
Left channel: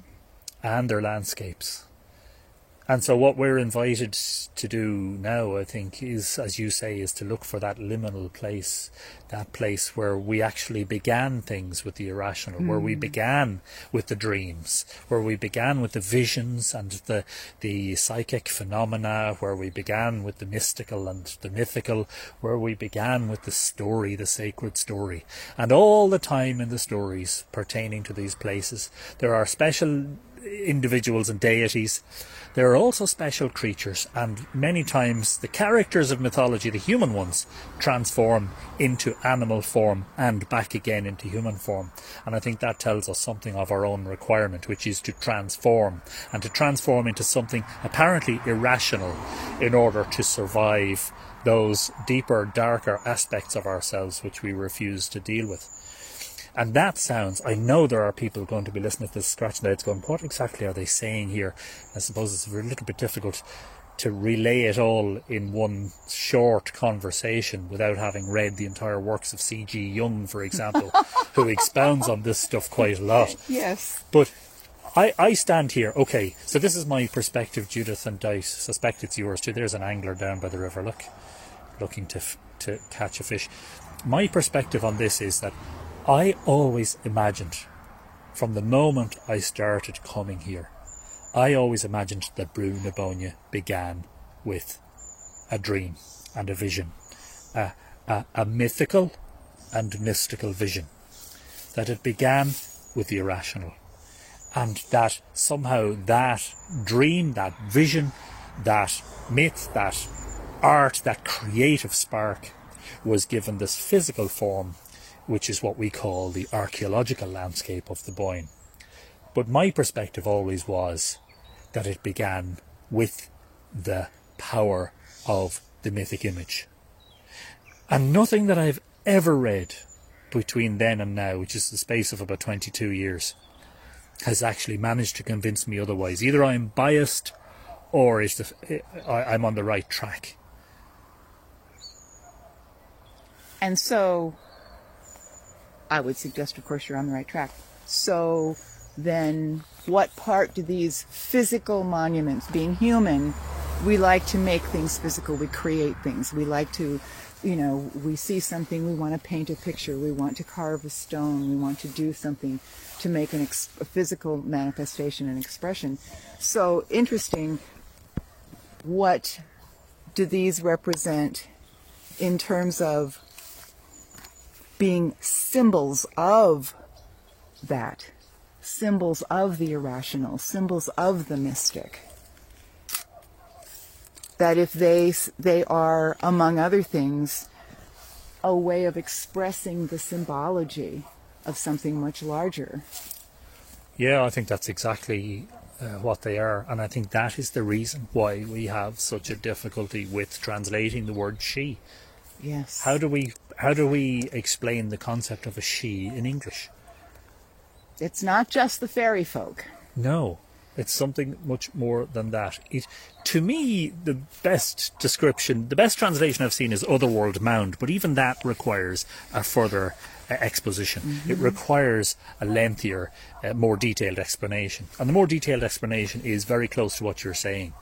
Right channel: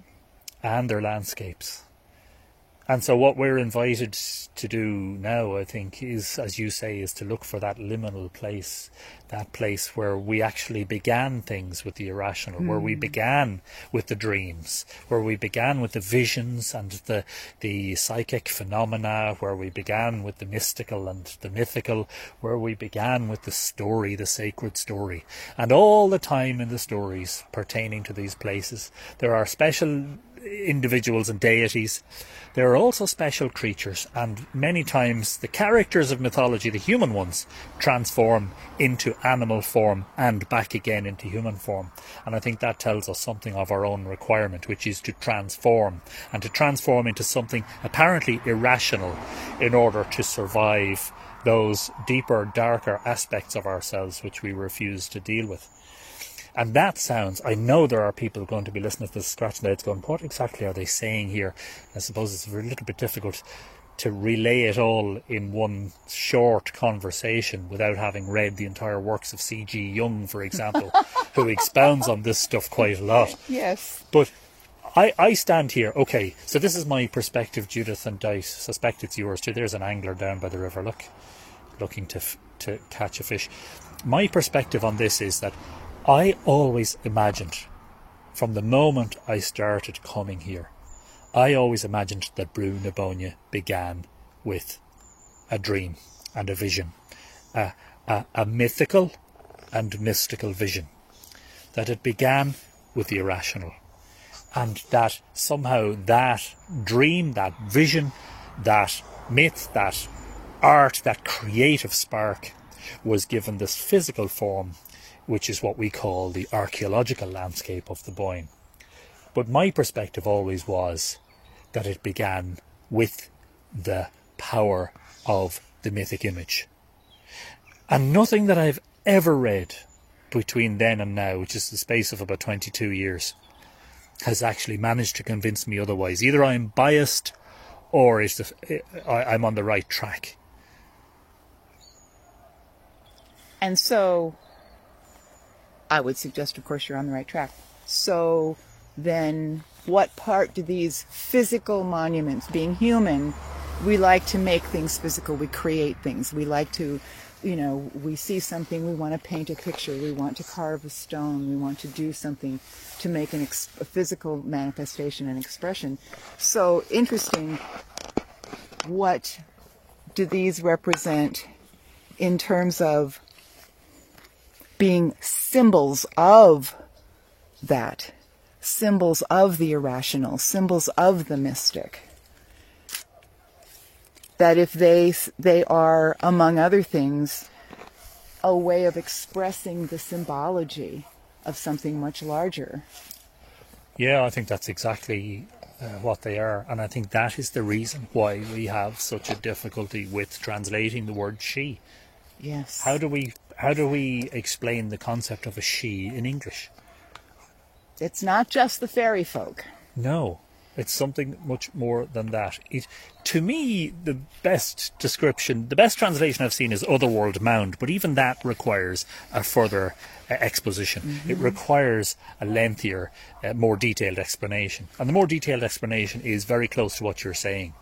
And so what we're invited to do now, I think, is, as you say, is to look for that liminal place, that place where we actually began things with the irrational, where we began with the dreams, where we began with the visions and the psychic phenomena, where we began with the mystical and the mythical, where we began with the story, the sacred story. And all the time in the stories pertaining to these places, there are special individuals and deities. There are also special creatures, and many times the characters of mythology, the human ones, transform into animal form and back again into human form. And I think that tells us something of our own requirement, which is to transform, and to transform into something apparently irrational in order to survive those deeper, darker aspects of ourselves which we refuse to deal with. And that sounds, I know there are people going to be listening to this, scratching their heads going, what exactly are they saying here? I suppose it's a little bit difficult to relay it all in one short conversation without having read the entire works of C.G. Jung, for example, who expounds on this stuff quite a lot. Yes. But I stand here, okay, so this is my perspective, Judith, and I suspect it's yours too. There's an angler down by the river, look, looking to catch a fish. My perspective on this is that I always imagined, from the moment I started coming here, I always imagined that Brú na Bóinne began with a dream and a vision, a mythical and mystical vision, that it began with the irrational, and that somehow that dream, that vision, that myth, that art, that creative spark was given this physical form, which is what we call the archaeological landscape of the Boyne. But my perspective always was that it began with the power of the mythic image. And nothing that I've ever read between then and now, which is the space of about 22 years, has actually managed to convince me otherwise. Either I'm biased or I'm on the right track. And so I would suggest, of course, you're on the right track. So then what part do these physical monuments, being human, we like to make things physical, we create things, we like to, we see something, we want to paint a picture, we want to carve a stone, we want to do something to make a physical manifestation and expression. So interesting, what do these represent in terms of being symbols of that, symbols of the irrational, symbols of the mystic? That if they are, among other things, a way of expressing the symbology of something much larger. Yeah, I think that's exactly what they are, and I think that is the reason why we have such a difficulty with translating the word she. Yes. How do we explain the concept of a she in English? It's not just the fairy folk. No, it's something much more than that. To me, the best translation I've seen is Otherworld Mound, but even that requires a further exposition. Mm-hmm. It requires a lengthier, more detailed explanation. And the more detailed explanation is very close to what you're saying.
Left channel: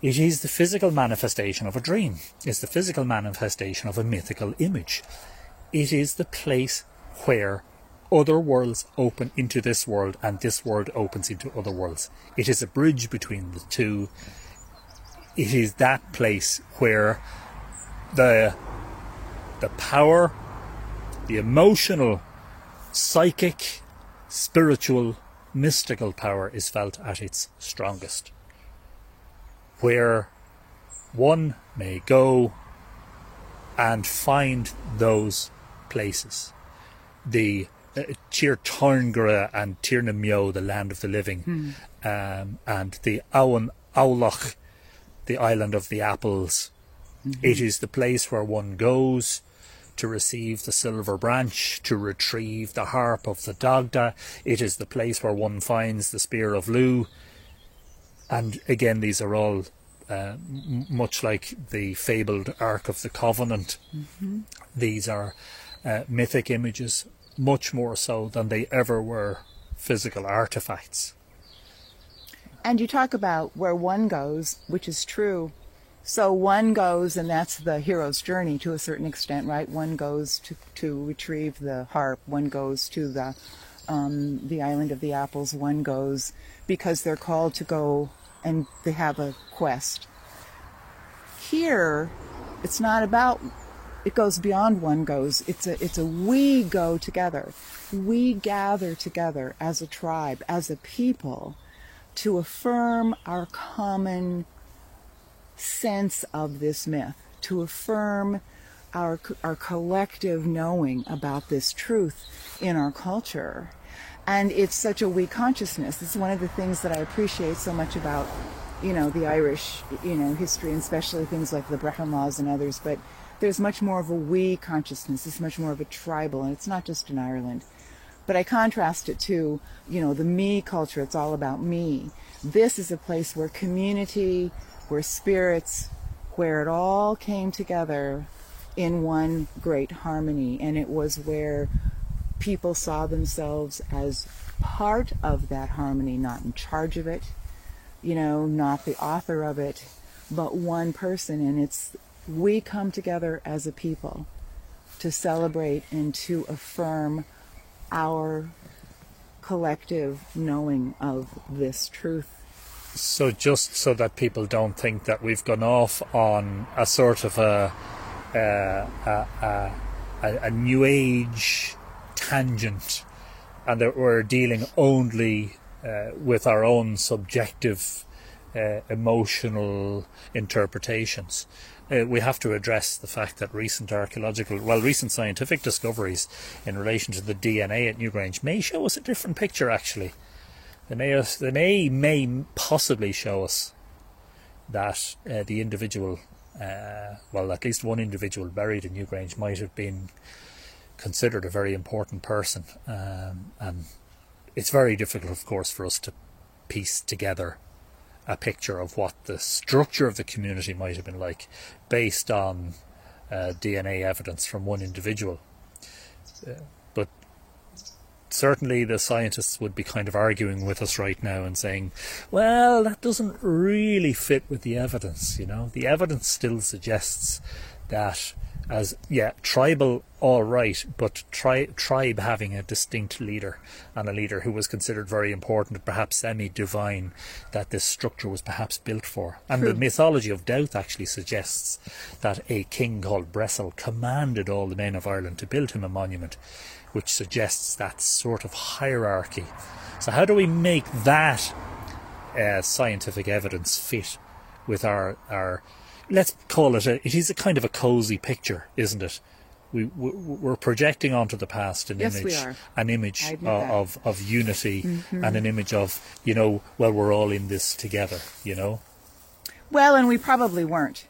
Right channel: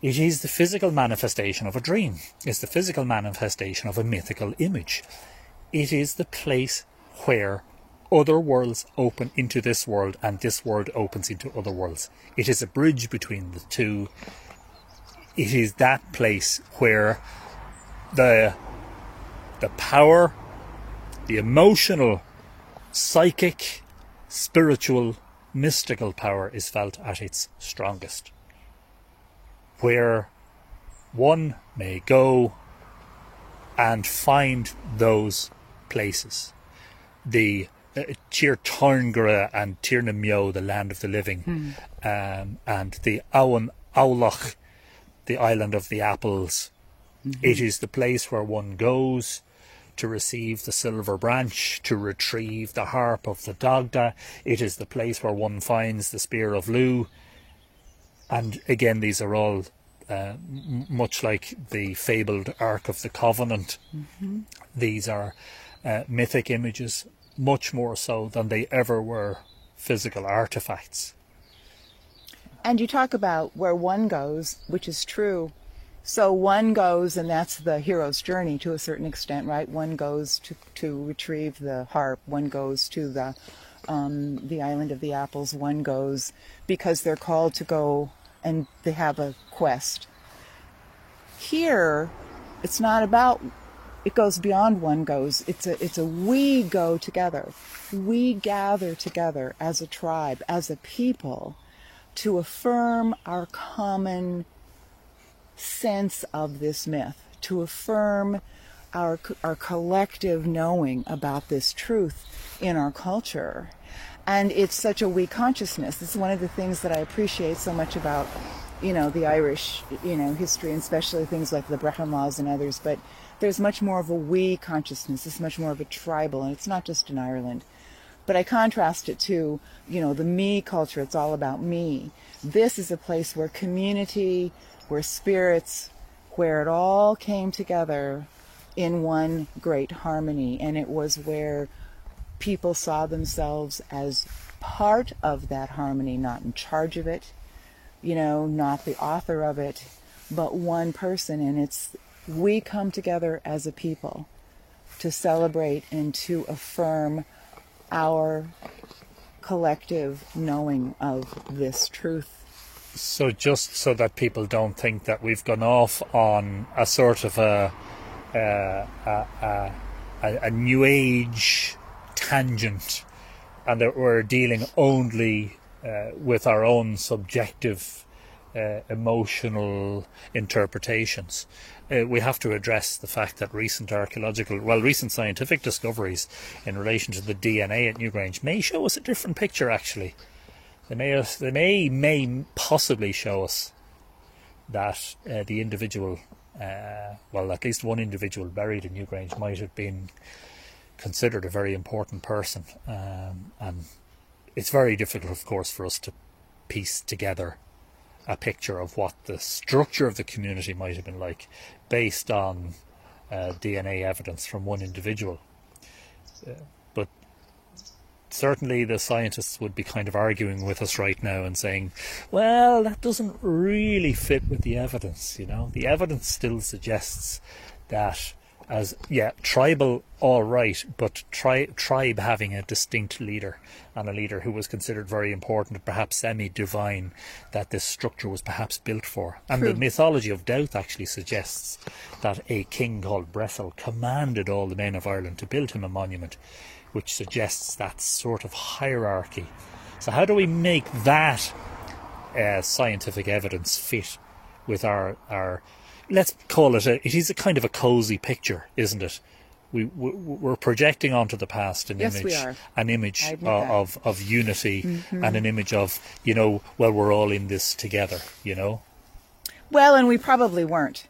It is the physical manifestation of a dream. It's the physical manifestation of a mythical image. It is the place where other worlds open into this world and this world opens into other worlds. It is a bridge between the two. It is that place where the power, the emotional, psychic, spiritual, mystical power is felt at its strongest. Where one may go and find those places. The Tír Tairngire and Tír na Meo, the land of the living, and the Abhainn Amhlaoch, the island of the apples. Mm-hmm. It is the place where one goes to receive the silver branch, to retrieve the harp of the Dagda. It is the place where one finds the spear of Lu. And again, these are all much like the fabled Ark of the Covenant. These are mythic images, much more so than they ever were physical artifacts. And you talk about where one goes, which is true. So one goes, and that's the hero's journey to a certain extent, right? One goes to retrieve the harp. One goes to the island of the apples. One goes because they're called to go, and they have a quest. Here, it's not about. It goes beyond one goes. It's a we go together. We gather together as a tribe, as a people, to affirm our common sense of this myth, to affirm our collective knowing about this truth in our culture. And it's such a we consciousness. This is one of the things that I appreciate so much about, the Irish, history, and especially things like the Brecon Laws and others. But there's much more of a we consciousness. It's much more of a tribal, and it's not just in Ireland. But I contrast it to, the me culture. It's all about me. This is a place where community, where spirits, where it all came together in one great harmony. And it was where people saw themselves as part of that harmony, not in charge of it, not the author of it, but one person. And it's, we come together as a people to celebrate and to affirm our collective knowing of this truth. So just so that people don't think that we've gone off on a sort of a New Age tangent, and that we're dealing only with our own subjective emotional interpretations. We have to address the fact that recent scientific discoveries in relation to the DNA at Newgrange may show us a different picture, actually. They may possibly show us that the individual, at least one individual buried in Newgrange might have been considered a very important person. And it's very difficult, of course, for us to piece together a picture of what the structure of the community might have been like based on DNA evidence from one individual. But certainly the scientists would be kind of arguing with us right now and saying, well, that doesn't really fit with the evidence, The evidence still suggests that tribal, all right, but tribe having a distinct leader, and a leader who was considered very important, perhaps semi-divine, that this structure was perhaps built for. And the mythology of Doubt actually suggests that a king called Bressel commanded all the men of Ireland to build him a monument, which suggests that sort of hierarchy. So how do we make that scientific evidence fit with our let's call it, it is a kind of a cosy picture, isn't it? We're projecting onto the past an image of unity, and an image of, we're all in this together, Well, and we probably weren't.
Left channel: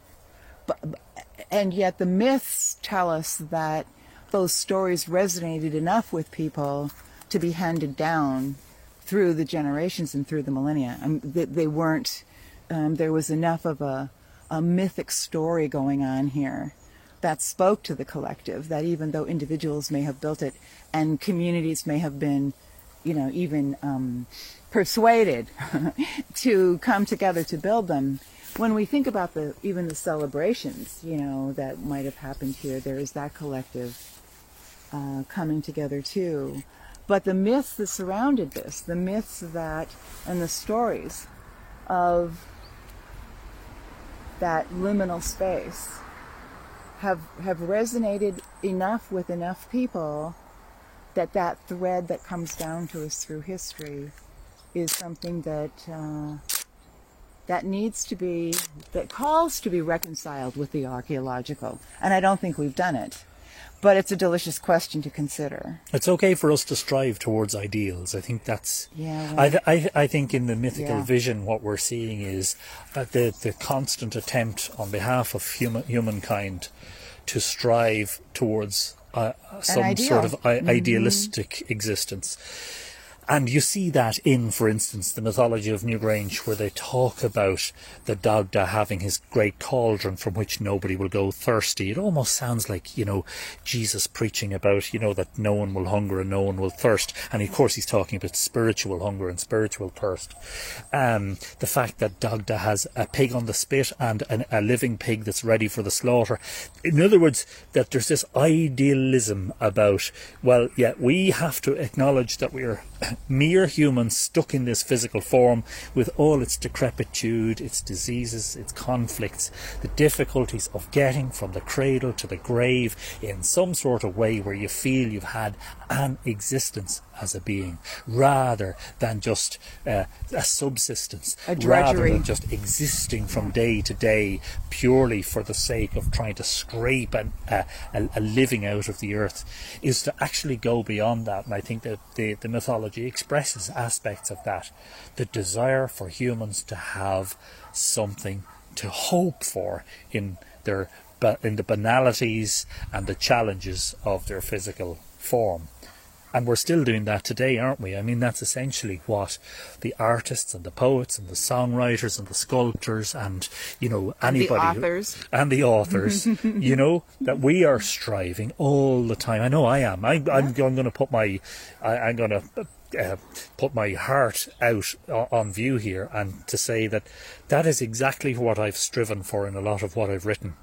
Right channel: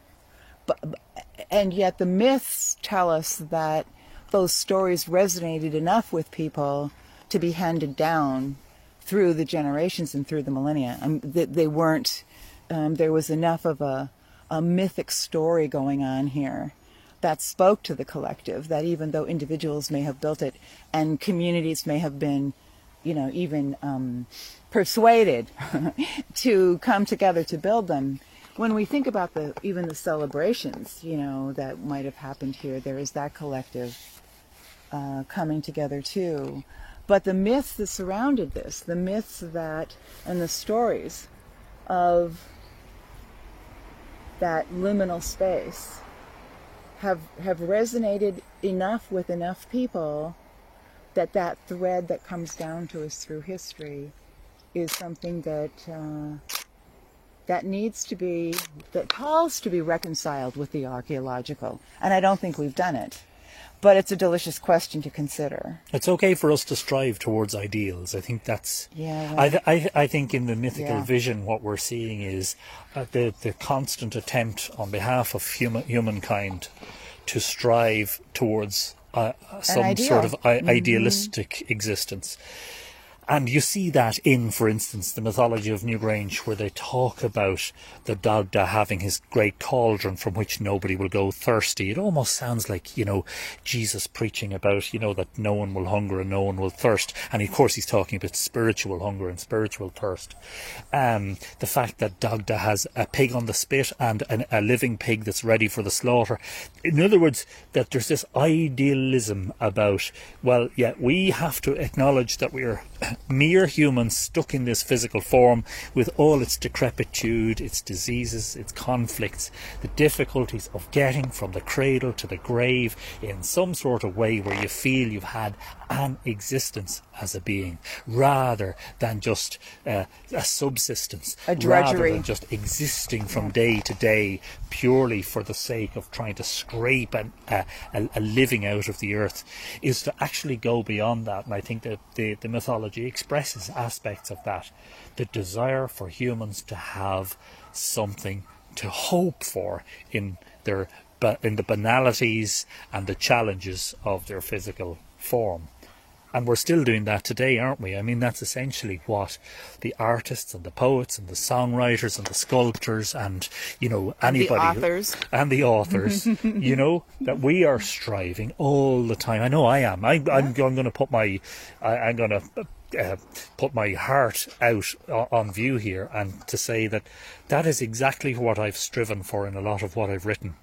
And yet the myths tell us that those stories resonated enough with people to be handed down through the generations and through the millennia. They weren't, there was enough of a mythic story going on here that spoke to the collective, that even though individuals may have built it and communities may have been, even persuaded to come together to build them, when we think about even the celebrations, that might have happened here, there is that collective coming together too. But the myths that surrounded this, the myths and the stories of that liminal space have resonated enough with enough people that thread that comes down to us through history is something that needs to be, that calls to be reconciled with the archaeological. And I don't think we've done it. But it's a delicious question to consider. It's okay for us to strive towards ideals. I think that's... Yeah, right. I think in the mythical vision what we're seeing is the constant attempt on behalf of humankind to strive towards some sort of idealistic existence. And you see that in, for instance, the mythology of Newgrange, where they talk about the Dagda having his great cauldron from which nobody will go thirsty. It almost sounds like, you know, Jesus preaching about, you know, that no one will hunger and no one will thirst. And of course he's talking about spiritual hunger and spiritual thirst. The fact that Dagda has a pig on the spit and a living pig that's ready for the slaughter. In other words, that there's this idealism about, well, yeah, we have to acknowledge that we're mere humans stuck in this physical form with all its decrepitude, its diseases, its conflicts, the difficulties of getting from the cradle to the grave in some sort of way where you feel you've had an existence as a being, rather than just a subsistence, rather than just existing from day to day purely for the sake of trying to scrape a living out of the earth, is to actually go beyond that. And I think that the mythology expresses aspects of that, the desire for humans to have something to hope for in the banalities and the challenges of their physical form. And we're still doing that today, aren't we? I mean, that's essentially what the artists and the poets and the songwriters and the sculptors and, you know, anybody... And the authors, you know, that we are striving all the time. I know I am. I'm going to put my... I'm going to put my heart out on view here, and to say that that is exactly what I've striven for in a lot of what I've written.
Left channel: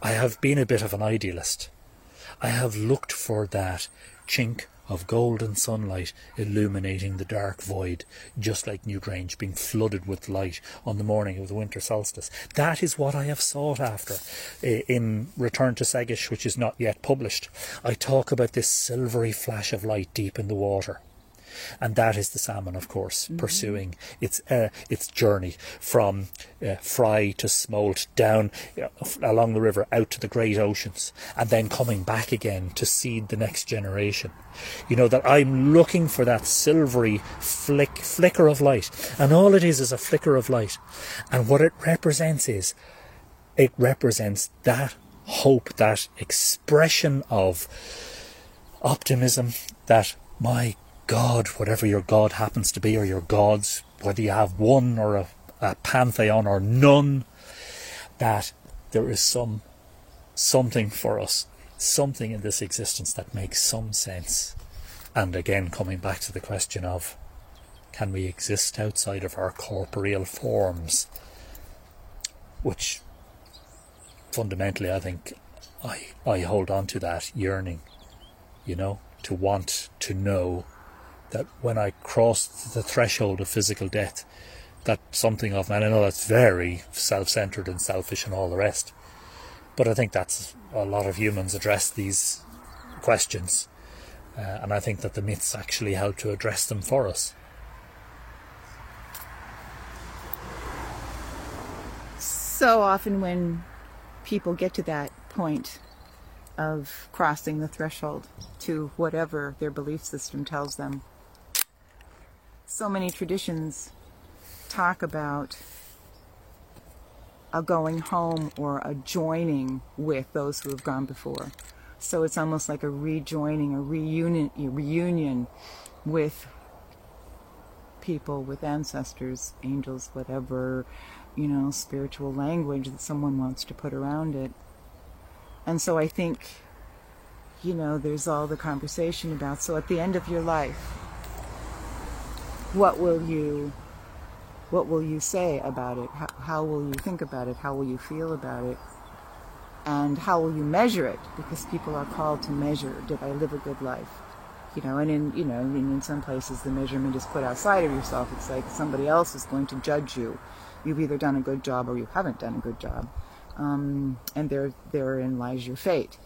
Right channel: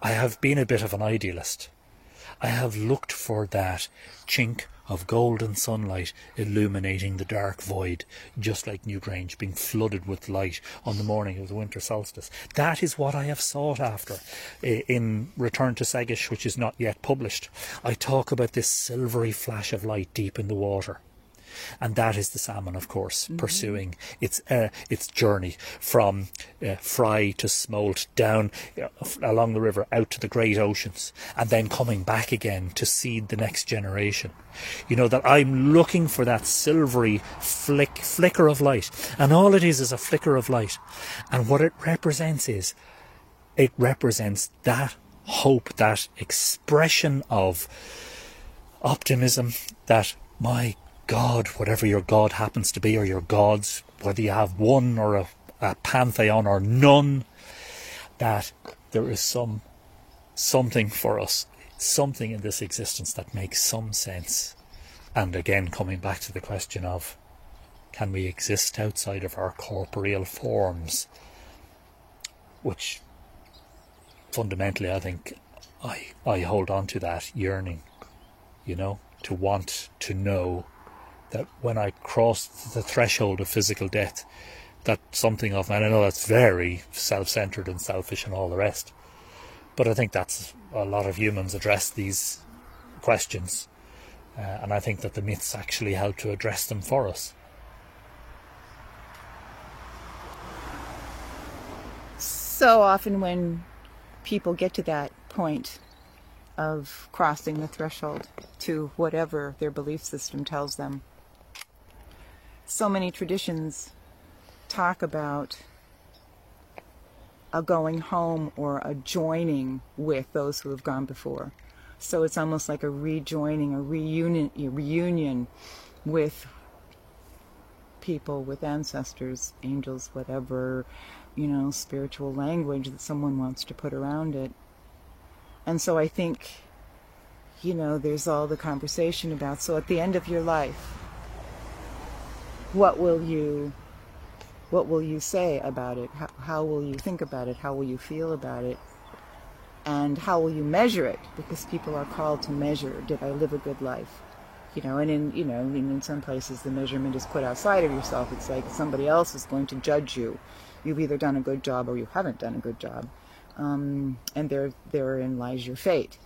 I have been a bit of an idealist. I have looked for that chink of golden sunlight illuminating the dark void, just like Newgrange being flooded with light on the morning of the winter solstice. That is what I have sought after in Return to Segish, which is not yet published. I talk about this silvery flash of light deep in the water. And that is the salmon, of course, pursuing its journey from fry to smolt, down along the river, out to the great oceans, and then coming back again to seed the next generation. You know, that I'm looking for that silvery flicker of light, and all it is a flicker of light. And what it represents is, it represents that hope, that expression of optimism, that my God, whatever your God happens to be, or your gods, whether you have one or a pantheon or none, that there is something for us, something in this existence that makes some sense. And again, coming back to the question of, can we exist outside of our corporeal forms? Which fundamentally, I think, I hold on to that yearning, you know, to want to know that when I cross the threshold of physical death, that something of, and I know that's very self-centered and selfish and all the rest, but I think that's a lot of humans address these questions, and I think that the myths actually help to address them for us. So often when people get to that point of crossing the threshold to whatever their belief system tells them, so many traditions talk about a going home or a joining with those who have gone before. So it's almost like a rejoining, a reunion with people, with ancestors, angels, whatever, you know, spiritual language that someone wants to put around it. And so I think, you know, there's all the conversation about, so at the end of your life, what will you say about it? How will you think about it? How will you feel about it? And how will you measure it? Because people are called to measure, did I live a good life? You know, and in some places the measurement is put outside of yourself. It's like somebody else is going to judge you. You've either done a good job or you haven't done a good job. And therein lies your fate.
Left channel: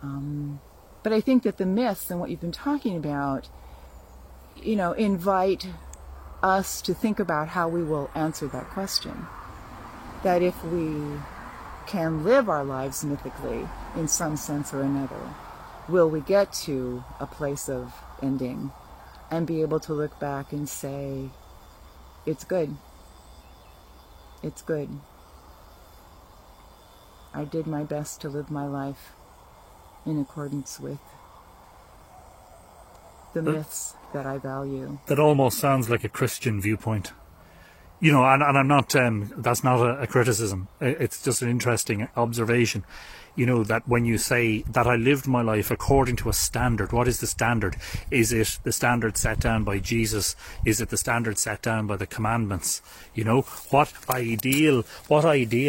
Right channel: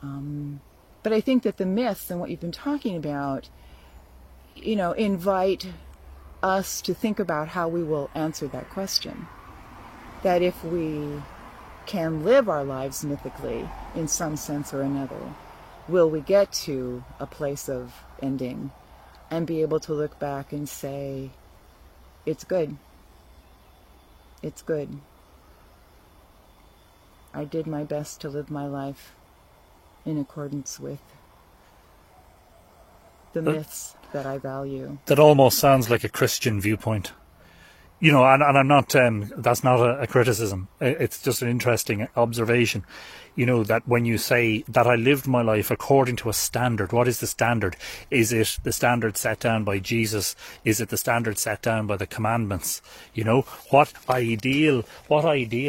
But I think that the myths and what you've been talking about, you know, invite us to think about how we will answer that question. That if we can live our lives mythically in some sense or another, will we get to a place of ending and be able to look back and say, it's good. It's good. I did my best to live my life in accordance with the myths that I value. That almost sounds like a Christian viewpoint. You know, and I'm not, that's not a criticism. It's just an interesting observation. You know, that when you say that I lived my life according to a standard, what is the standard? Is it the standard set down by Jesus? Is it the standard set down by the commandments? You know, what ideal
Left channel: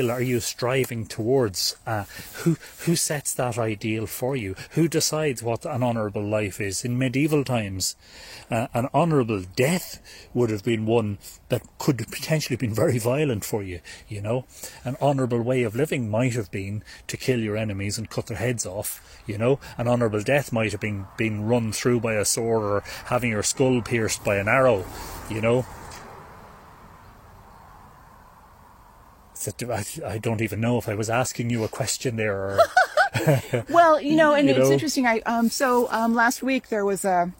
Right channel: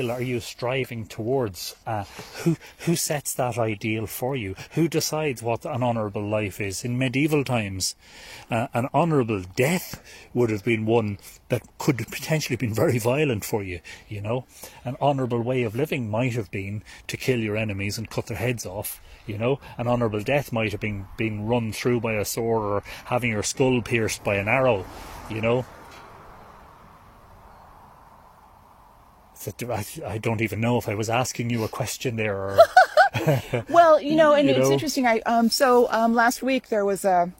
are you striving towards? Who sets that ideal for you? Who decides what an honourable life is? In medieval times, an honourable death would have been one that could have potentially been very violent for you, you know. An honourable way of living might have been to kill your enemies and cut their heads off, you know. An honourable death might have been being run through by a sword or having your skull pierced by an arrow, you know. I don't even know if I was asking you a question there or... Well, you know, and it's interesting. Last week there was a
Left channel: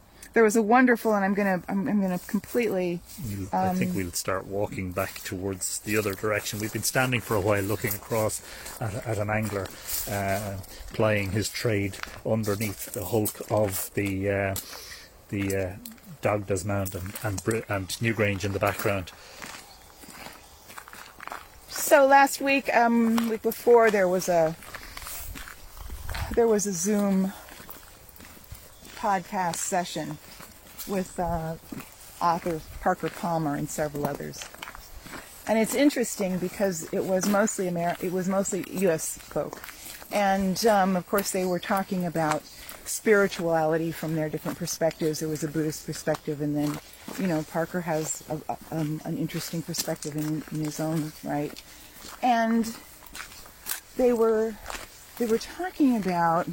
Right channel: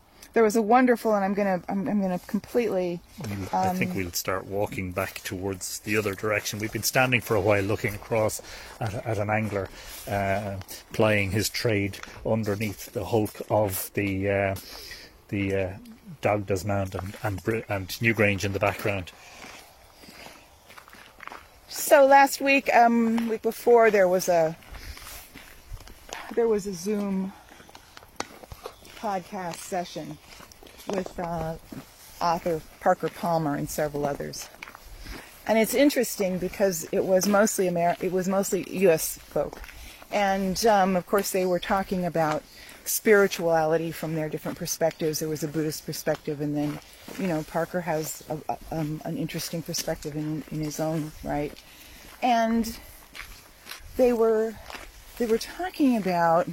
wonderful, and I'm gonna completely. I think we'll start walking back towards the other direction. We've been standing for a while, looking across at an angler plying his trade underneath the hulk of the Dagdas Mound and Newgrange in the background. So last week, week before, there was a Zoom podcast session with author Parker Palmer and several others, and it's interesting because it was mostly U.S. folk, and of course they were talking about spirituality from their different perspectives. There was a Buddhist perspective, and then, you know, Parker has an interesting perspective in his own right, and they were talking about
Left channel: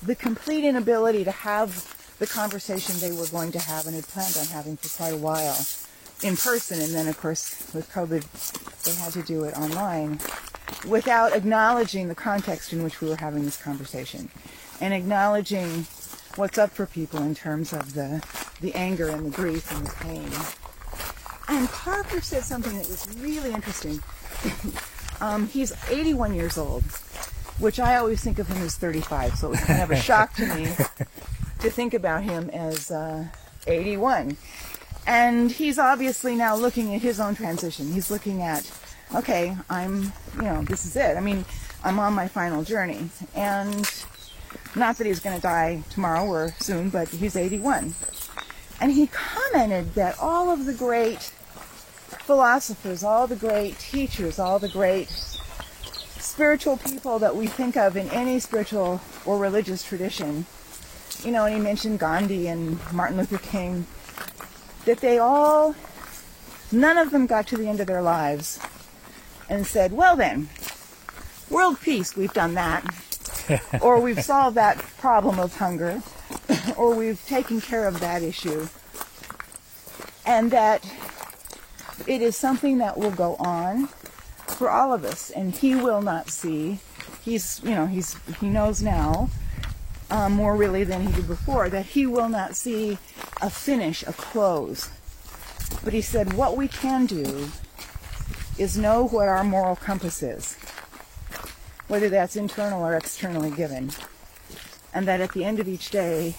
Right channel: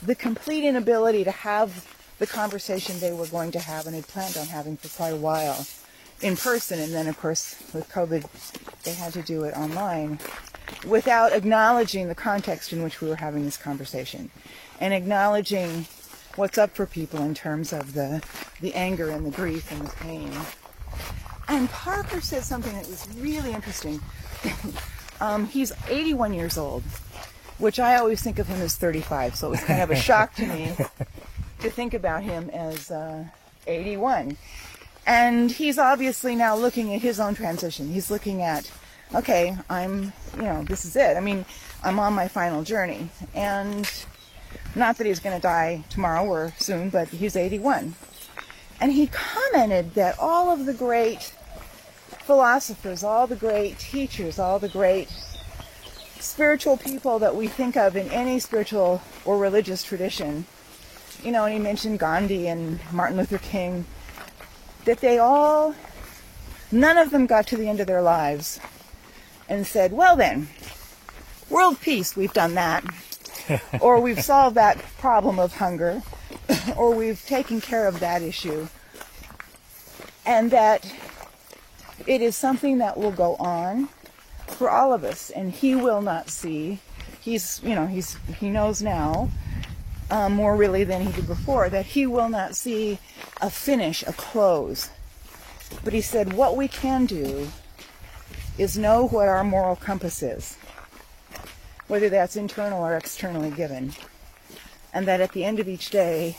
the complete inability to have the conversation they were going to have and had planned on having for quite a while in person, and then of course with COVID they had to do it online, without acknowledging the context in which we were having this conversation and acknowledging what's up for people in terms of the anger and the grief and the pain. And Parker said something that was really interesting. He's 81 years old, which I always think of him as 35, so it was kind of a shock to me to think about him as 81. And he's obviously now looking at his own transition. He's looking at, okay, this is it. I mean, I'm on my final journey. And not that he's going to die tomorrow or soon, but he's 81. And he commented that all of the great philosophers, all the great teachers, all the great spiritual people that we think of in any spiritual or religious tradition, you know, and he mentioned Gandhi and Martin Luther King, that none of them got to the end of their lives and said, well then, world peace, we've done that. Or we've solved that problem of hunger, or we've taken care of that issue. And that it is something that will go on for all of us, and he will not see. He knows now, more really than he did before, that he will not see a finish, a close. But he said, what we can do is know what our moral compass is, whether that's internal or externally given, and that at the end of each day,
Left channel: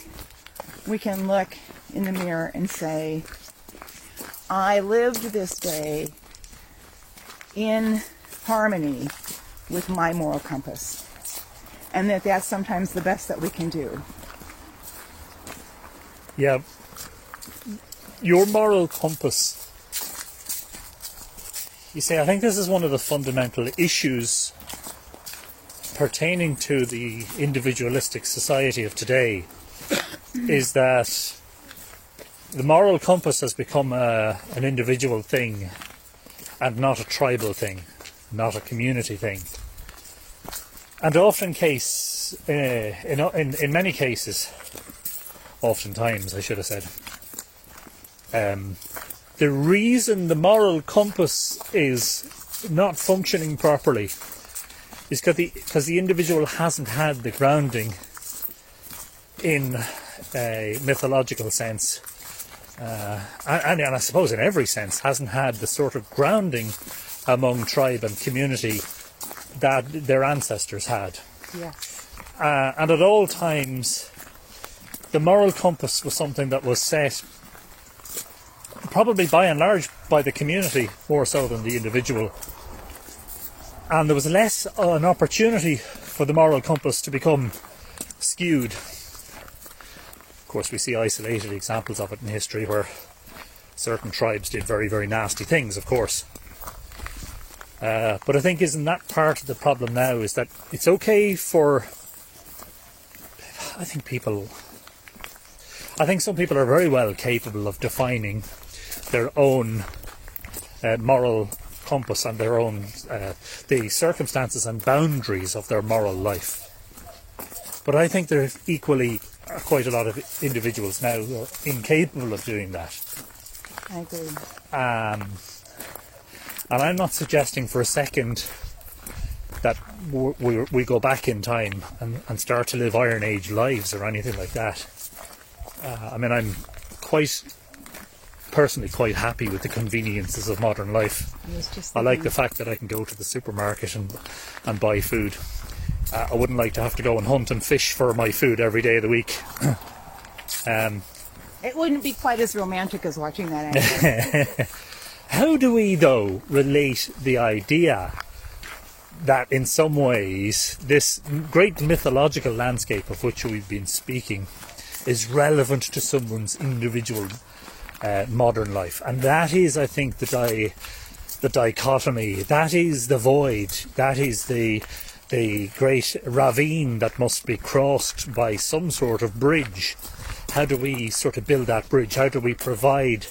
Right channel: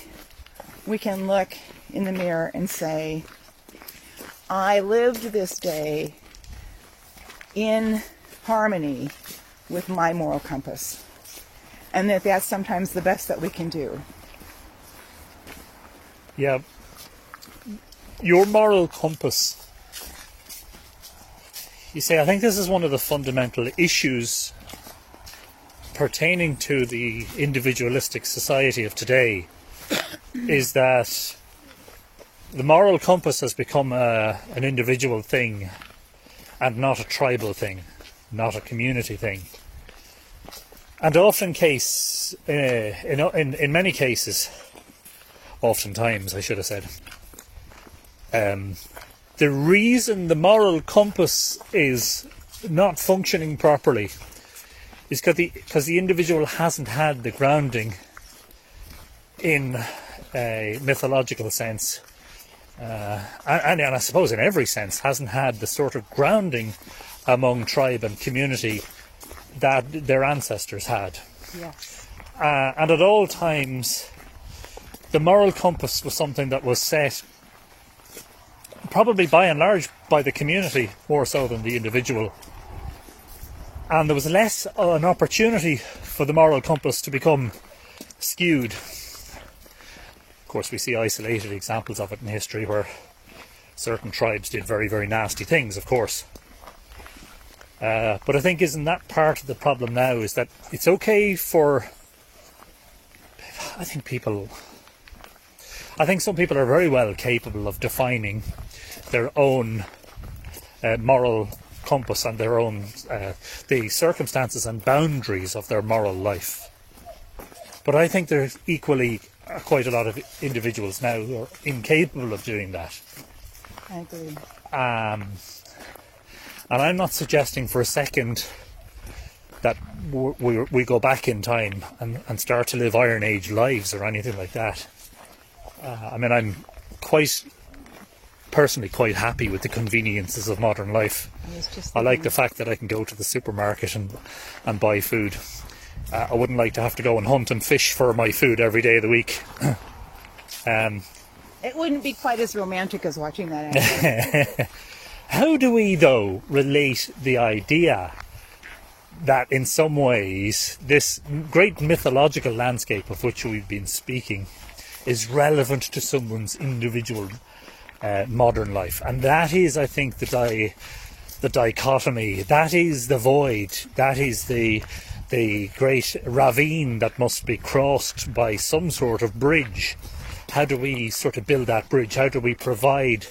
we can look in the mirror and say, I lived this day in harmony with my moral compass, and that's sometimes the best that we can do. Yeah. Your moral compass, you see, I think this is one of the fundamental issues pertaining to the individualistic society of today, is that the moral compass has become an individual thing and not a tribal thing, not a community thing. And in many cases, oftentimes I should have said, the reason the moral compass is not functioning properly is because the individual hasn't had the grounding in a mythological sense, and I suppose in every sense hasn't had the sort of grounding among tribe and community that their ancestors had. Yes. And at all times, the moral compass was something that was set, probably by and large, by the community more so than the individual. And there was less an opportunity for the moral compass to become skewed. Of course, we see isolated examples of it in history where certain tribes did very, very nasty things, of course. But I think isn't that part of the problem now, is that it's okay for... I think some people are very well capable of defining their own moral compass and their own the circumstances and boundaries of their moral life. But I think there equally are quite a lot of individuals now who are incapable of doing that. I agree. And I'm not suggesting for a second that we go back in time and start to live Iron Age lives or anything like that. I mean, I'm personally quite happy with the conveniences of modern life. I like the fact that I can go to the supermarket and buy food. I wouldn't like to have to go and hunt and fish for my food every day of the week. It wouldn't be quite as romantic as watching that anime. How do we, though, relate the idea that in some ways this great mythological landscape of which we've been speaking is relevant to someone's individual modern life? And that is, I think, the dichotomy, that is the void, that is the great ravine that must be crossed by some sort of bridge. How do we sort of build that bridge? How do we provide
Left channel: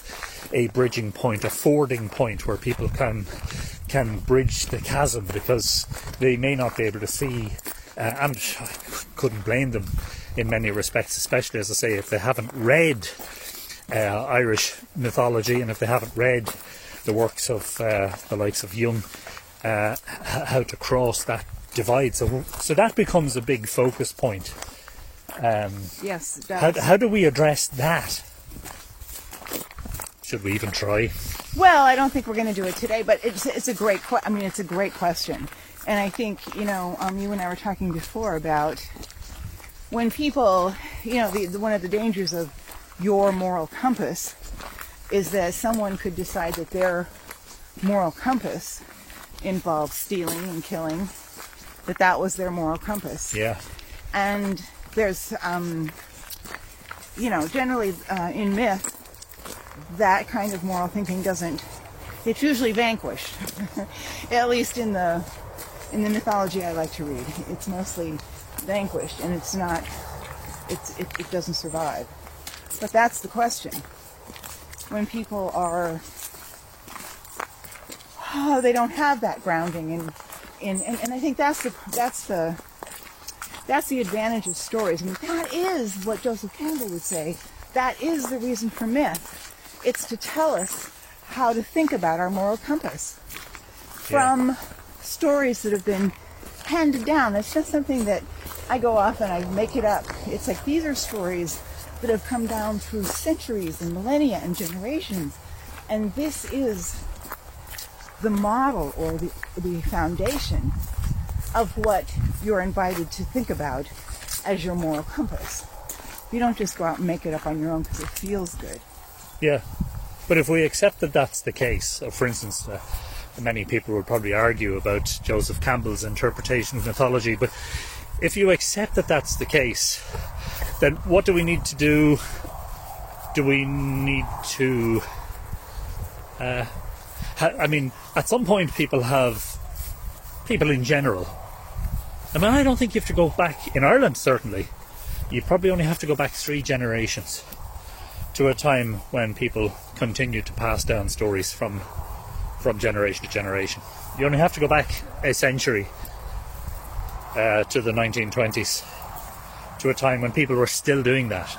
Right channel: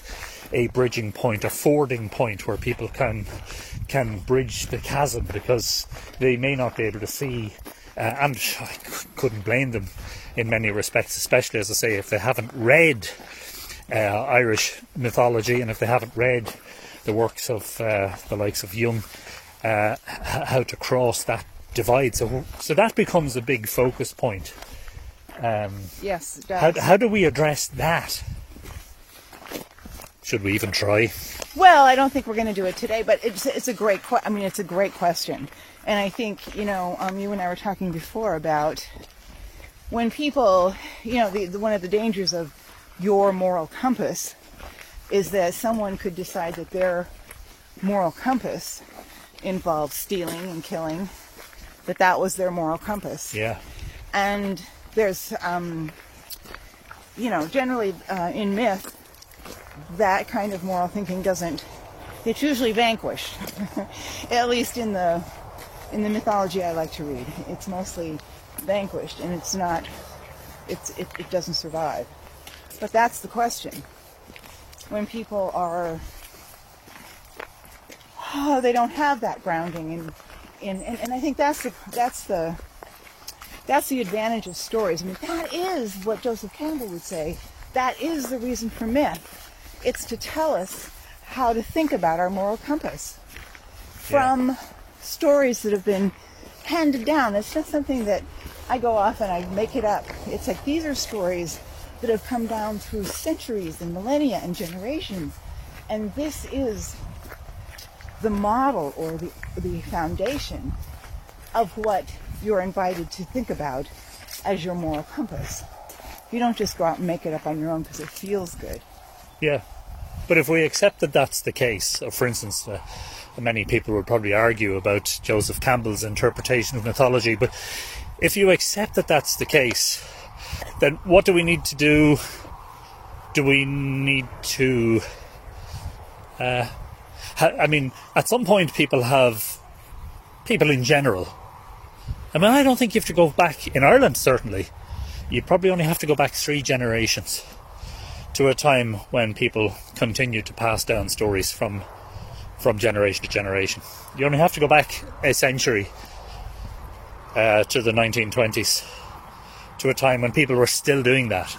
a bridging point, a fording point where people can bridge the chasm, because they may not be able to see, and couldn't blame them in many respects, especially, as I say, if they haven't read Irish mythology and if they haven't read the works of the likes of Jung, how to cross that divide. So that becomes a big focus point. Yes. How do we address that? Should we even try? Well, I don't think we're going to do it today, but it's a great it's a great question, and I think you and I were talking before about when people one of the dangers of your moral compass is that someone could decide that their moral compass involves stealing and killing, that was their moral compass. Yeah. And there's generally in myth, that kind of moral thinking it's usually vanquished. At least in the mythology I like to read, it's mostly vanquished, and it doesn't survive. But that's the question. When people they don't have that grounding, and I think that's the advantage of stories. I mean, that is what Joseph Campbell would say. That is the reason for myth. It's to tell us how to think about our moral compass from stories that have been handed down. It's not something that I go off and I make it up. It's like these are stories that have come down through centuries and millennia and generations. And this is the model or the foundation of what you're invited to think about as your moral compass. You don't just go out and make it up on your own because it feels good. Yeah, but if we accept that that's the case, for instance, many people would probably argue about Joseph Campbell's interpretation of mythology, but if you accept that that's the case, then what do we need to do? Do we need to... at some point people in general... I don't think you have to go back, in Ireland certainly, you probably only have to go back 3 generations to a time when people continued to pass down stories from generation to generation. You only have to go back a century to the 1920s, to a time when people were still doing that.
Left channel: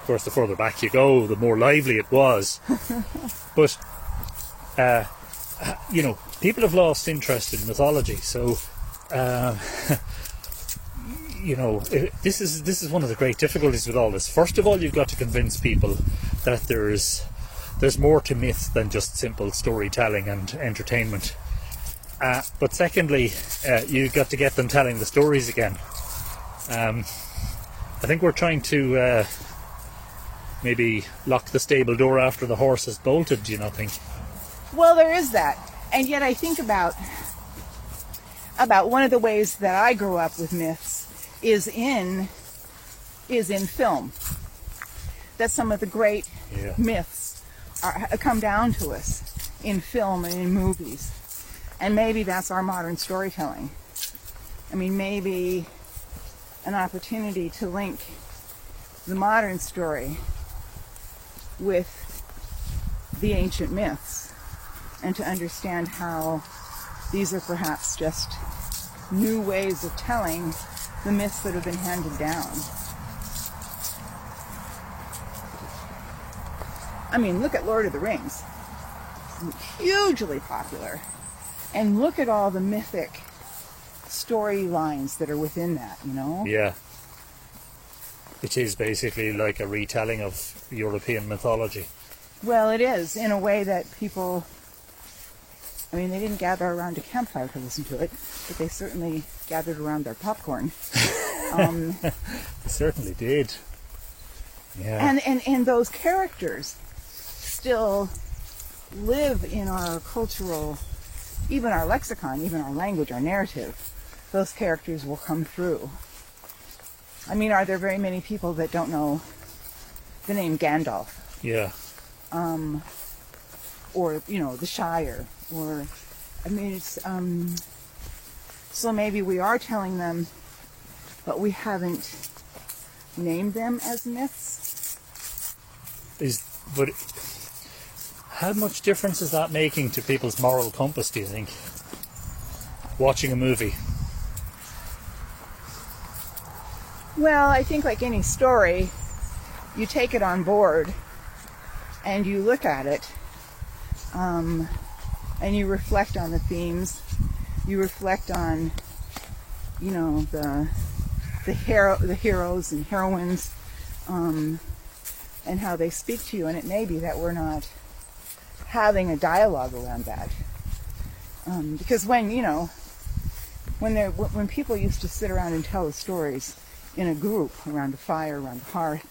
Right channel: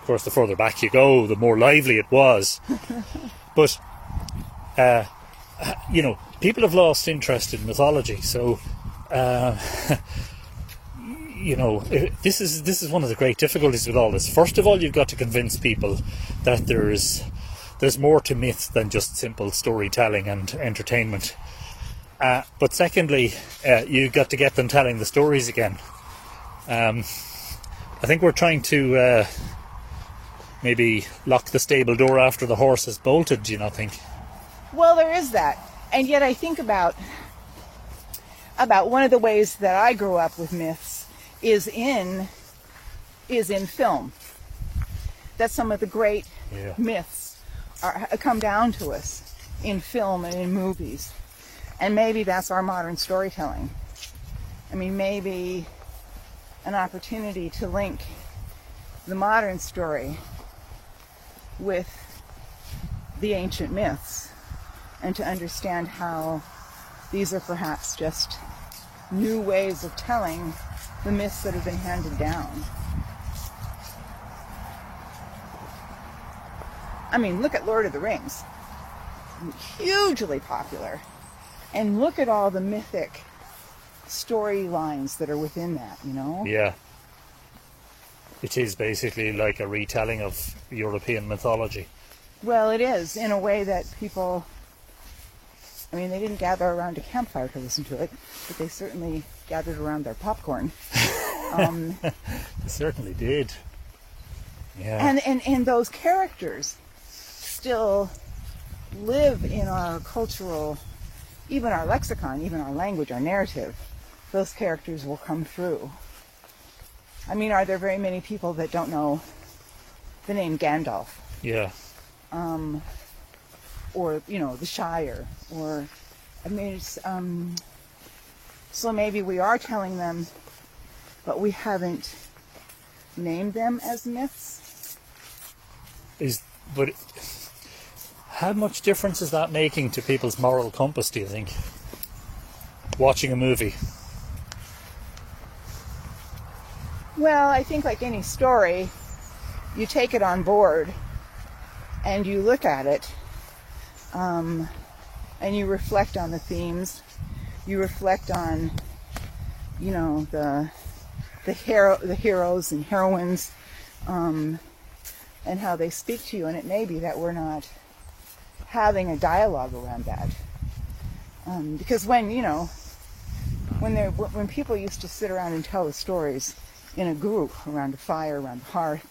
Of course, the further back you go, the more lively it was. But, people have lost interest in mythology, so... this is one of the great difficulties with all this. First of all, you've got to convince people that there's more to myth than just simple storytelling and entertainment. But secondly, you got to get them telling the stories again. I think we're trying to maybe lock the stable door after the horse has bolted, do you not think? Well, there is that. And yet I think about one of the ways that I grew up with myths is in film. That some of the great myths come down to us in film and in movies. And maybe that's our modern storytelling. I mean, maybe an opportunity to link the modern story with the ancient myths and to understand how these are perhaps just new ways of telling the myths that have been handed down. I mean, look at Lord of the Rings. Hugely popular. And look at all the mythic storylines that are within that, you know? Yeah. It is basically like a retelling of European mythology. Well, it is, in a way that people, I mean, they didn't gather around a campfire to listen to it, but they certainly gathered around their popcorn. They certainly did. Yeah. And those characters still live in our cultural, even our lexicon, even our language, our narrative. Those characters will come through. I mean, are there very many people that don't know the name Gandalf? Yeah. Or, you know, the Shire, or, I mean, it's, so maybe we are telling them, but we haven't named them as myths. But how much difference is that making to people's moral compass, do you think? Watching a movie. Well, I think like any story, you take it on board and you look at it, and you reflect on the themes. You reflect on, you know, the heroes and heroines, and how they speak to you. And it may be that we're not having a dialogue around that, because when people used to sit around and tell the stories in a group around the fire, around the hearth,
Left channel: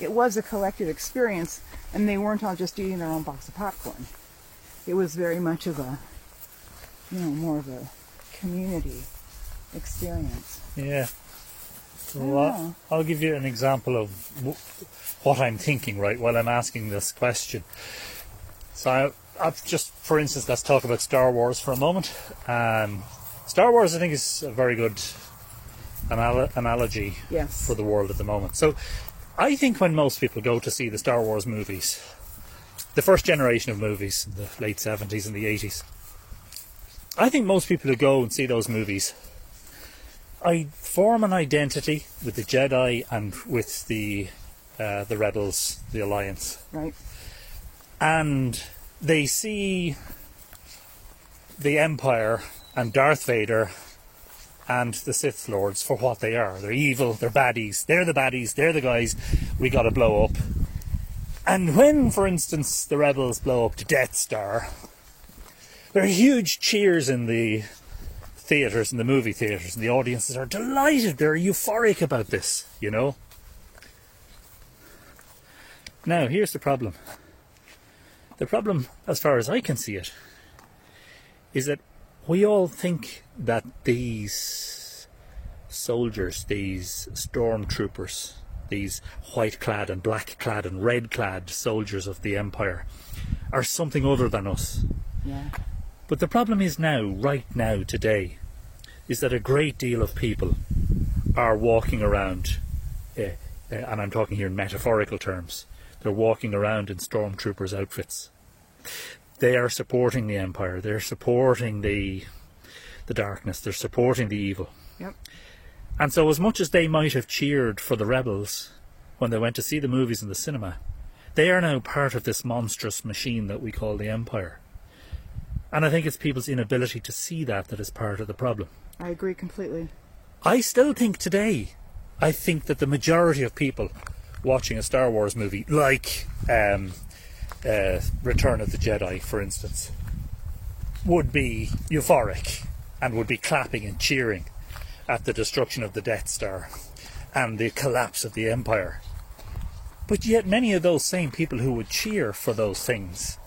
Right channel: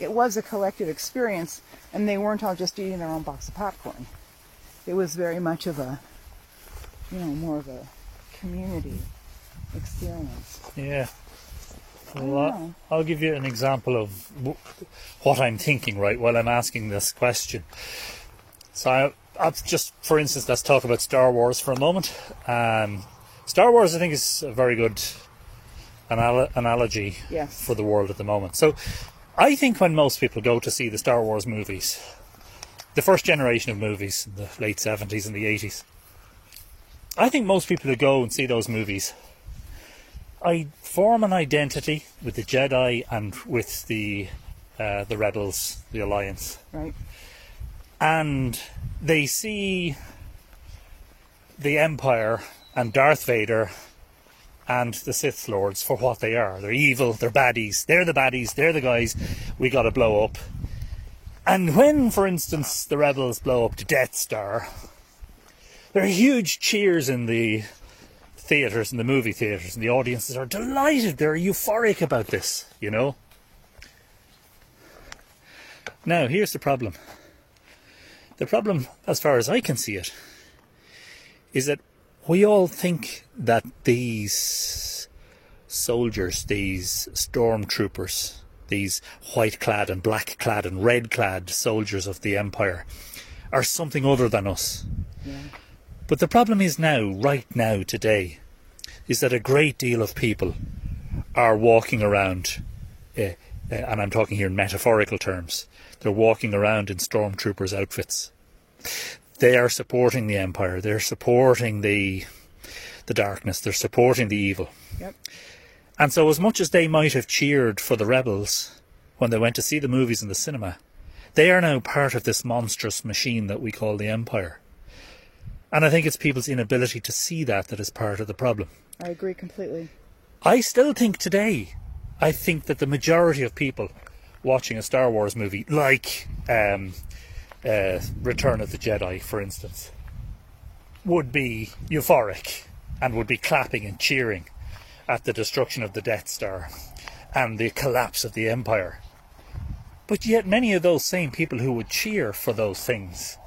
it was a collective experience, and they weren't all just eating their own box of popcorn. It was very much of a, you know, more of a community experience. Yeah. Well, I'll give you an example of what I'm thinking, right, while I'm asking this question. So, just for instance, let's talk about Star Wars for a moment. Star Wars, I think, is a very good analogy for the world at the moment. So, I think when most people go to see the Star Wars movies, the first generation of movies in the late 70s and the 80s, I think most people that go and see those movies, I form an identity with the Jedi and with the Rebels, the Alliance. Right. And they see the Empire and Darth Vader and the Sith Lords for what they are. They're evil, they're baddies, they're the guys we gotta blow up. And when, for instance, the Rebels blow up the Death Star, there are huge cheers in the theatres, in the movie theatres, and the audiences are delighted, they're euphoric about this, you know. Now, here's the problem. The problem, as far as I can see it, is that we all think that these soldiers, these stormtroopers, these white-clad and black-clad and red-clad soldiers of the Empire are something other than us. Yeah. But the problem is now, right now, today, is that a great deal of people are walking around, and I'm talking here in metaphorical terms, they're walking around in stormtroopers' outfits. They are supporting the Empire, they're supporting the darkness, they're supporting the evil. Yep. And so as much as they might have cheered for the rebels when they went to see the movies in the cinema, they are now part of this monstrous machine that we call the Empire. And I think it's people's inability to see that is part of the problem. I agree completely. I still think today, I think that the majority of people watching a Star Wars movie, like Return of the Jedi, for instance, would be euphoric and would be clapping and cheering at the destruction of the Death Star and the collapse of the Empire. But yet many of those same people who would cheer for those things,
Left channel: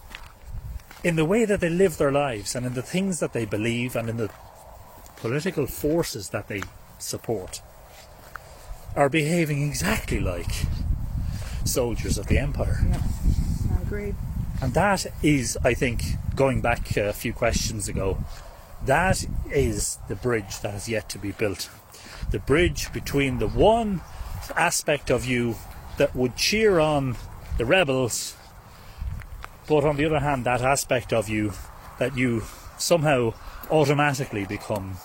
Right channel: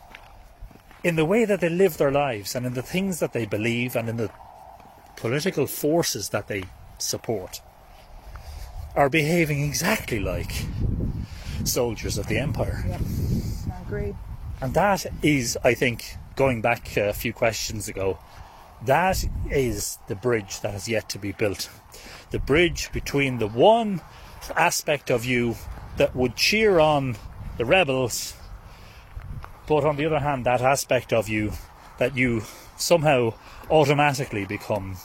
in the way that they live their lives and in the things that they believe and in the political forces that they support, are behaving exactly like soldiers of the Empire. Yep, I agree. And that is, I think, going back a few questions ago, that is the bridge that has yet to be built. The bridge between the one aspect of you that would cheer on the rebels, but on the other hand, that aspect of you that you somehow automatically become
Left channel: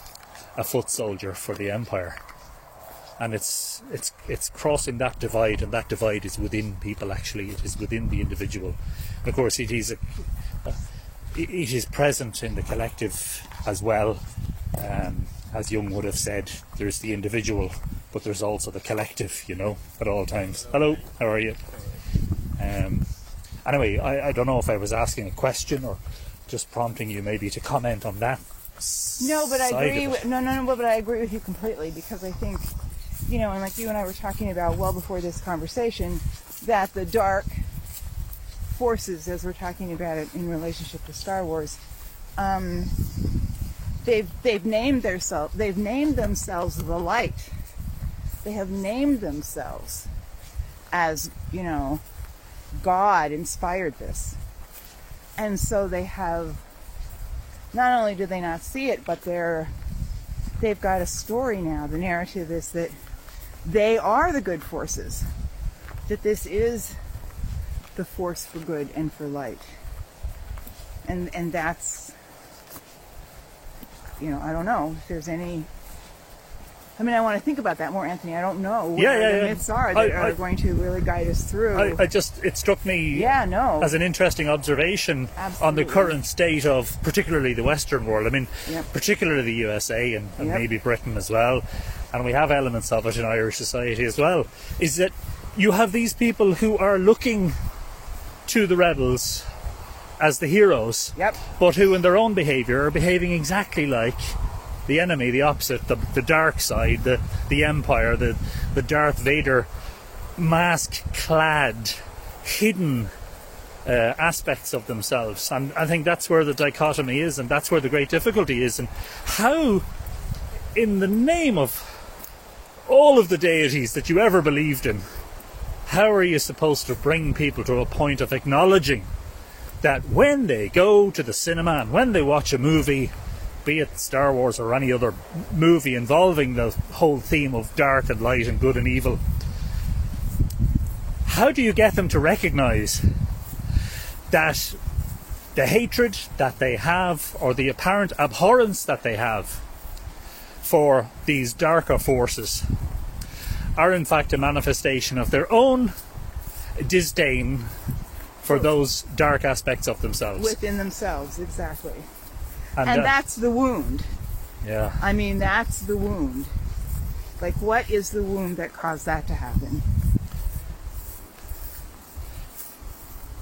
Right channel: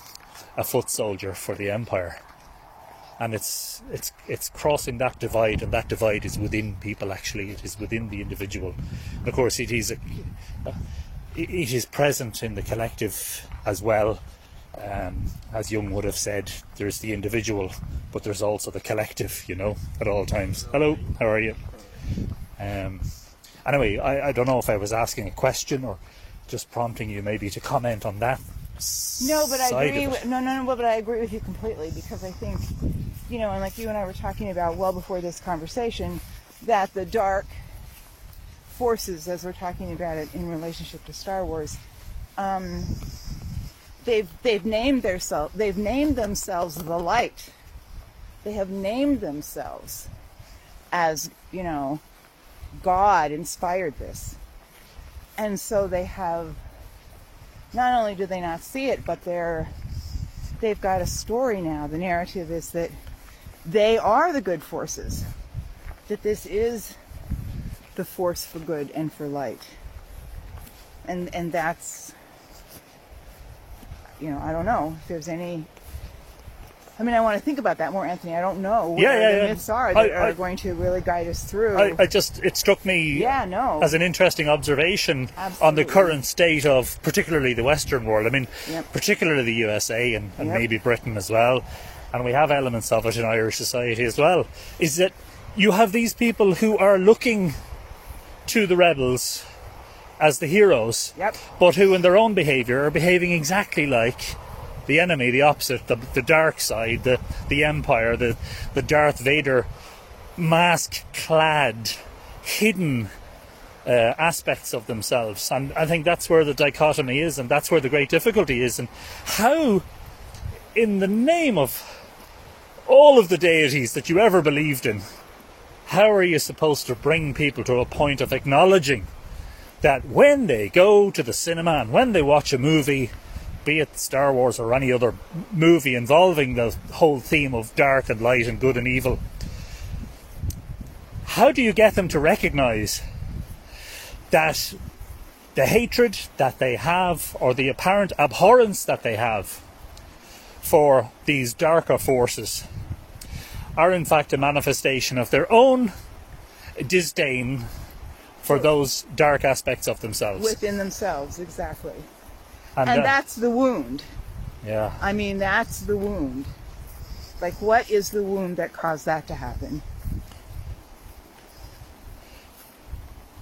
a foot soldier for the Empire. And it's crossing that divide, and that divide is within people. Actually, it is within the individual. And of course, it is present in the collective as well. As Jung would have said, there's the individual, but there's also the collective, you know, at all times. Hello, how are you? Anyway, I don't know if I was asking a question or just prompting you maybe to comment on that. No, but I agree. But I agree with you completely, because I think, you know, and like you and I were talking about well before this conversation, that the dark forces, as we're talking about it in relationship to Star Wars, they've named themselves the light. They have named themselves as, you know, God inspired this, and so they have. Not only do they not see it, but they've got a story now. The narrative is that they are the good forces, that this is the force for good and for light. And that's, you know, I don't know if there's any... I mean, I want to think about that more, Anthony. I don't know what the myths are that are going to really guide us through. It struck me as an interesting observation on the current state of particularly the Western world. I mean, particularly the USA and maybe Britain as well, and we have elements of it in Irish society as well, is that you have these people who are looking to the rebels as the heroes, but who in their own behaviour are behaving exactly like the enemy, the opposite, the dark side, the Empire, the Darth Vader mask-clad, hidden aspects of themselves. And I think that's where the dichotomy is, and that's where the great difficulty is. And how, in the name of all of the deities that you ever believed in, how are you supposed to bring people to a point of acknowledging that when they go to the cinema and when they watch a movie, be it Star Wars or any other movie involving the whole theme of dark and light and good and evil, how do you get them to recognise that the hatred that they have, or the apparent abhorrence that they have for these darker forces, are in fact a manifestation of their own disdain for those dark aspects of themselves? Within themselves, exactly. And that's the wound. Yeah. I mean, that's the wound. Like, what is the wound that caused that to happen?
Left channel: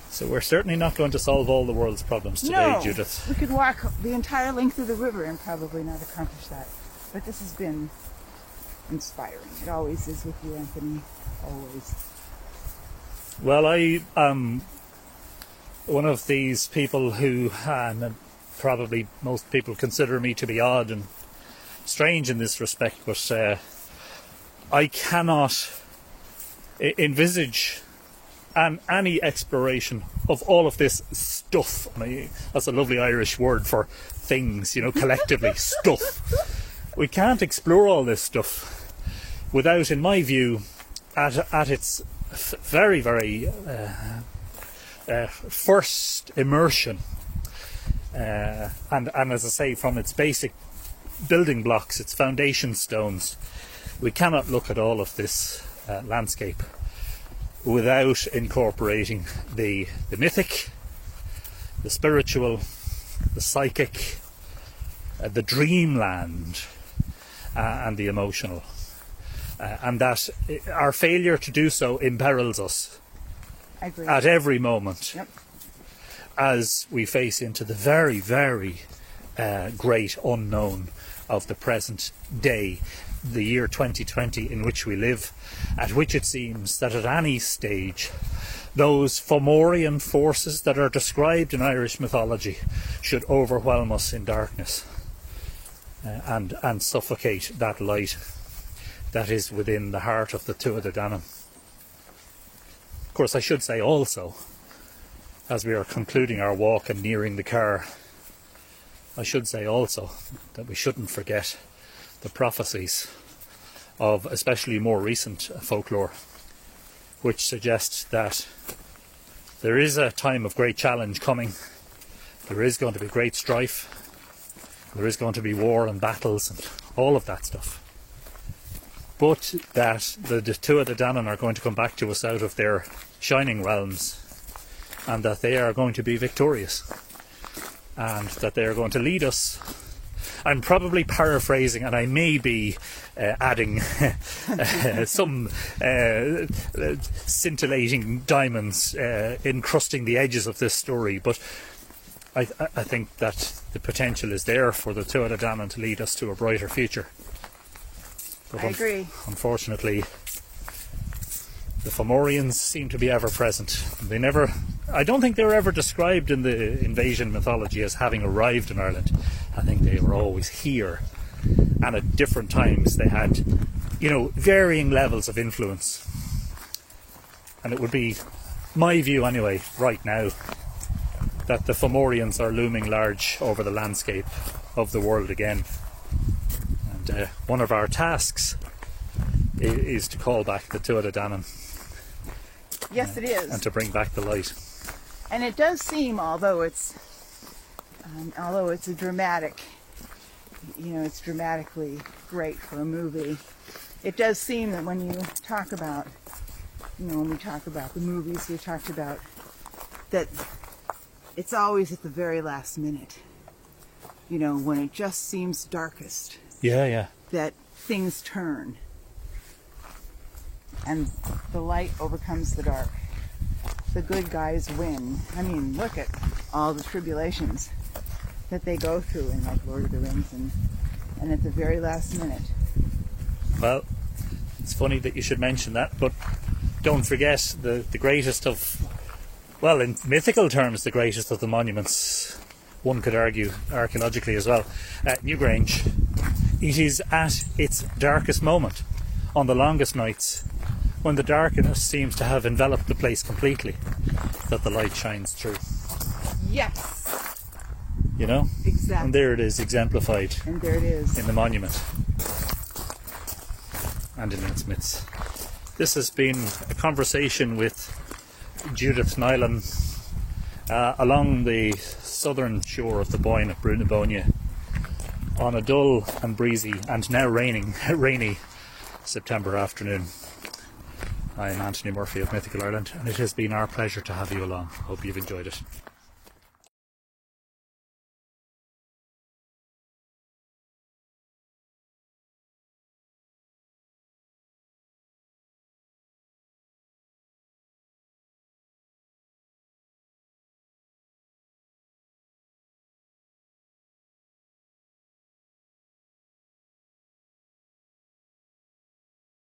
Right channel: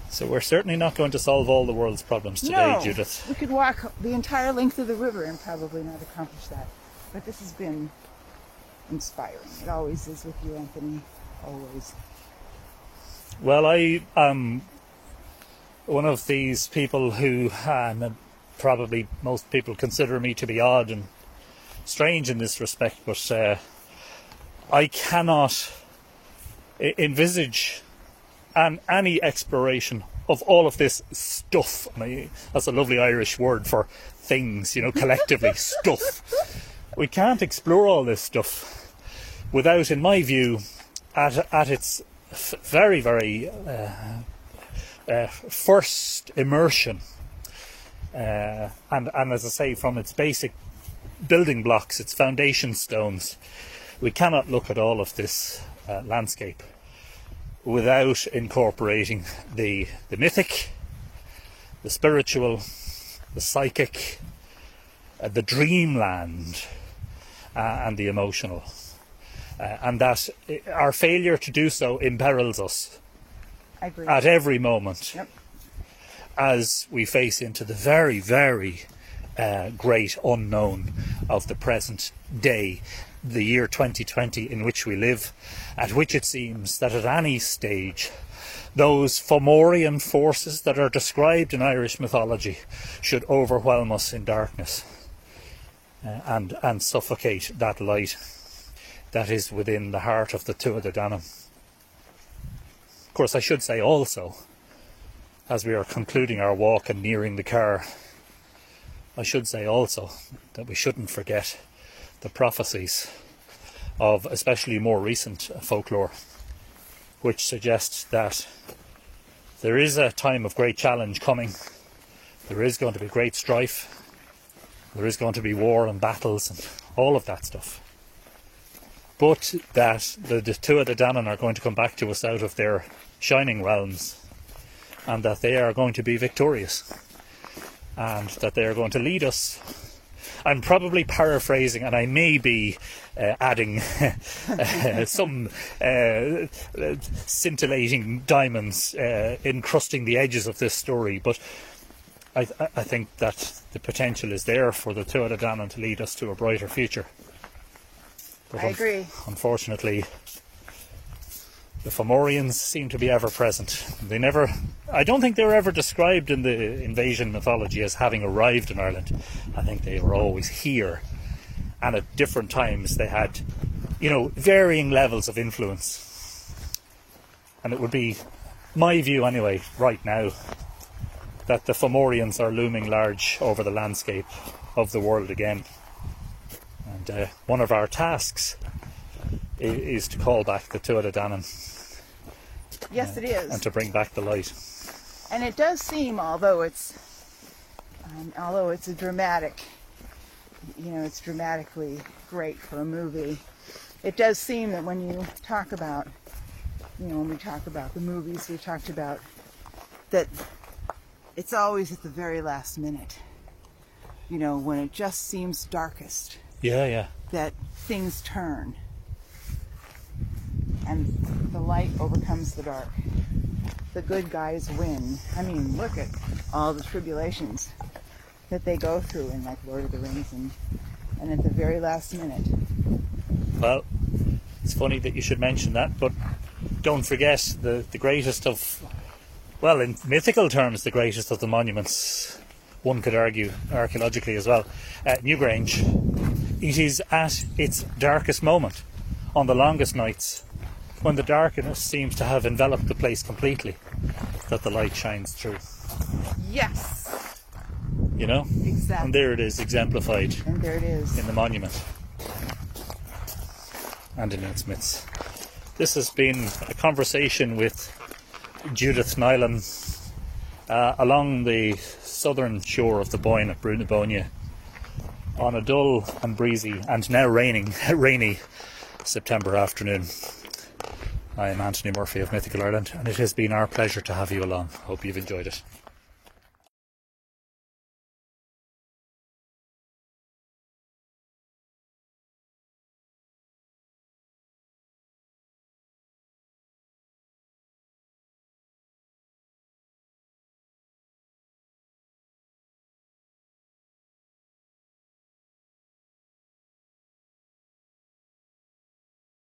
So we're certainly not going to solve all the world's problems today, Judith. We could walk the entire length of the river and probably not accomplish that. But this has been inspiring. It always is with you, Anthony. Always. Well, I am one of these people who... probably most people consider me to be odd and strange in this respect, but I cannot envisage any exploration of all of this stuff. I mean, that's a lovely Irish word for things, you know, collectively, stuff. We can't explore all this stuff without, in my view, at its very, very first immersion, and as I say, from its basic building blocks, its foundation stones, we cannot look at all of this landscape without incorporating the mythic, the spiritual, the psychic, the dreamland, and the emotional. And that our failure to do so imperils us at every moment. Yep. as we face into the very, very great unknown of the present day, the year 2020 in which we live, at which it seems that at any stage those Fomorian forces that are described in Irish mythology should overwhelm us in darkness and suffocate that light that is within the heart of the Tuatha De Danann. Of course, I should say also, as we are concluding our walk and nearing the car, I should say also that we shouldn't forget the prophecies of especially more recent folklore, which suggests that there is a time of great challenge coming. There is going to be great strife. There is going to be war and battles and all of that stuff. But that the Tuatha De Danann are going to come back to us out of their shining realms, and that they are going to be victorious, and that they are going to lead us. I'm probably paraphrasing, and I may be adding some scintillating diamonds encrusting the edges of this story, but I think that the potential is there for the Tuatha De Danann to lead us to a brighter future. But I agree. Unfortunately, the Fomorians seem to be ever present. I don't think they were ever described in the invasion mythology as having arrived in Ireland. I think they were always here. And at different times they had, varying levels of influence. And it would be my view anyway, right now, that the Fomorians are looming large over the landscape of the world again. And one of our tasks is to call back the Tuatha De Danann. Yes, it is. And to bring back the light. And it does seem, although it's a dramatic, it's dramatically great for a movie, it does seem that when you talk about, when we talk about the movies, we talked about that it's always at the very last minute, when it just seems darkest. Yeah. That things turn. And the light overcomes the dark. The good guys win. I mean, look at all the tribulations that they go through in like Lord of the Rings and at the very last minute. Well, it's funny that you should mention that, but don't forget the greatest of, well, in mythical terms, the greatest of the monuments, one could argue archaeologically as well, at Newgrange. It is at its darkest moment, on the longest nights, when the darkness seems to have enveloped the place completely, that the light shines through. Yes! Exactly. And there it is, exemplified. And there it is. In the monument. And in its myths. This has been a conversation with Judith Nyland along the southern shore of the Boyne at Brunibonia on a dull and breezy and now rainy September afternoon. I'm Anthony Murphy of Mythical Ireland, and it has been our pleasure to have you along. Hope you've enjoyed it.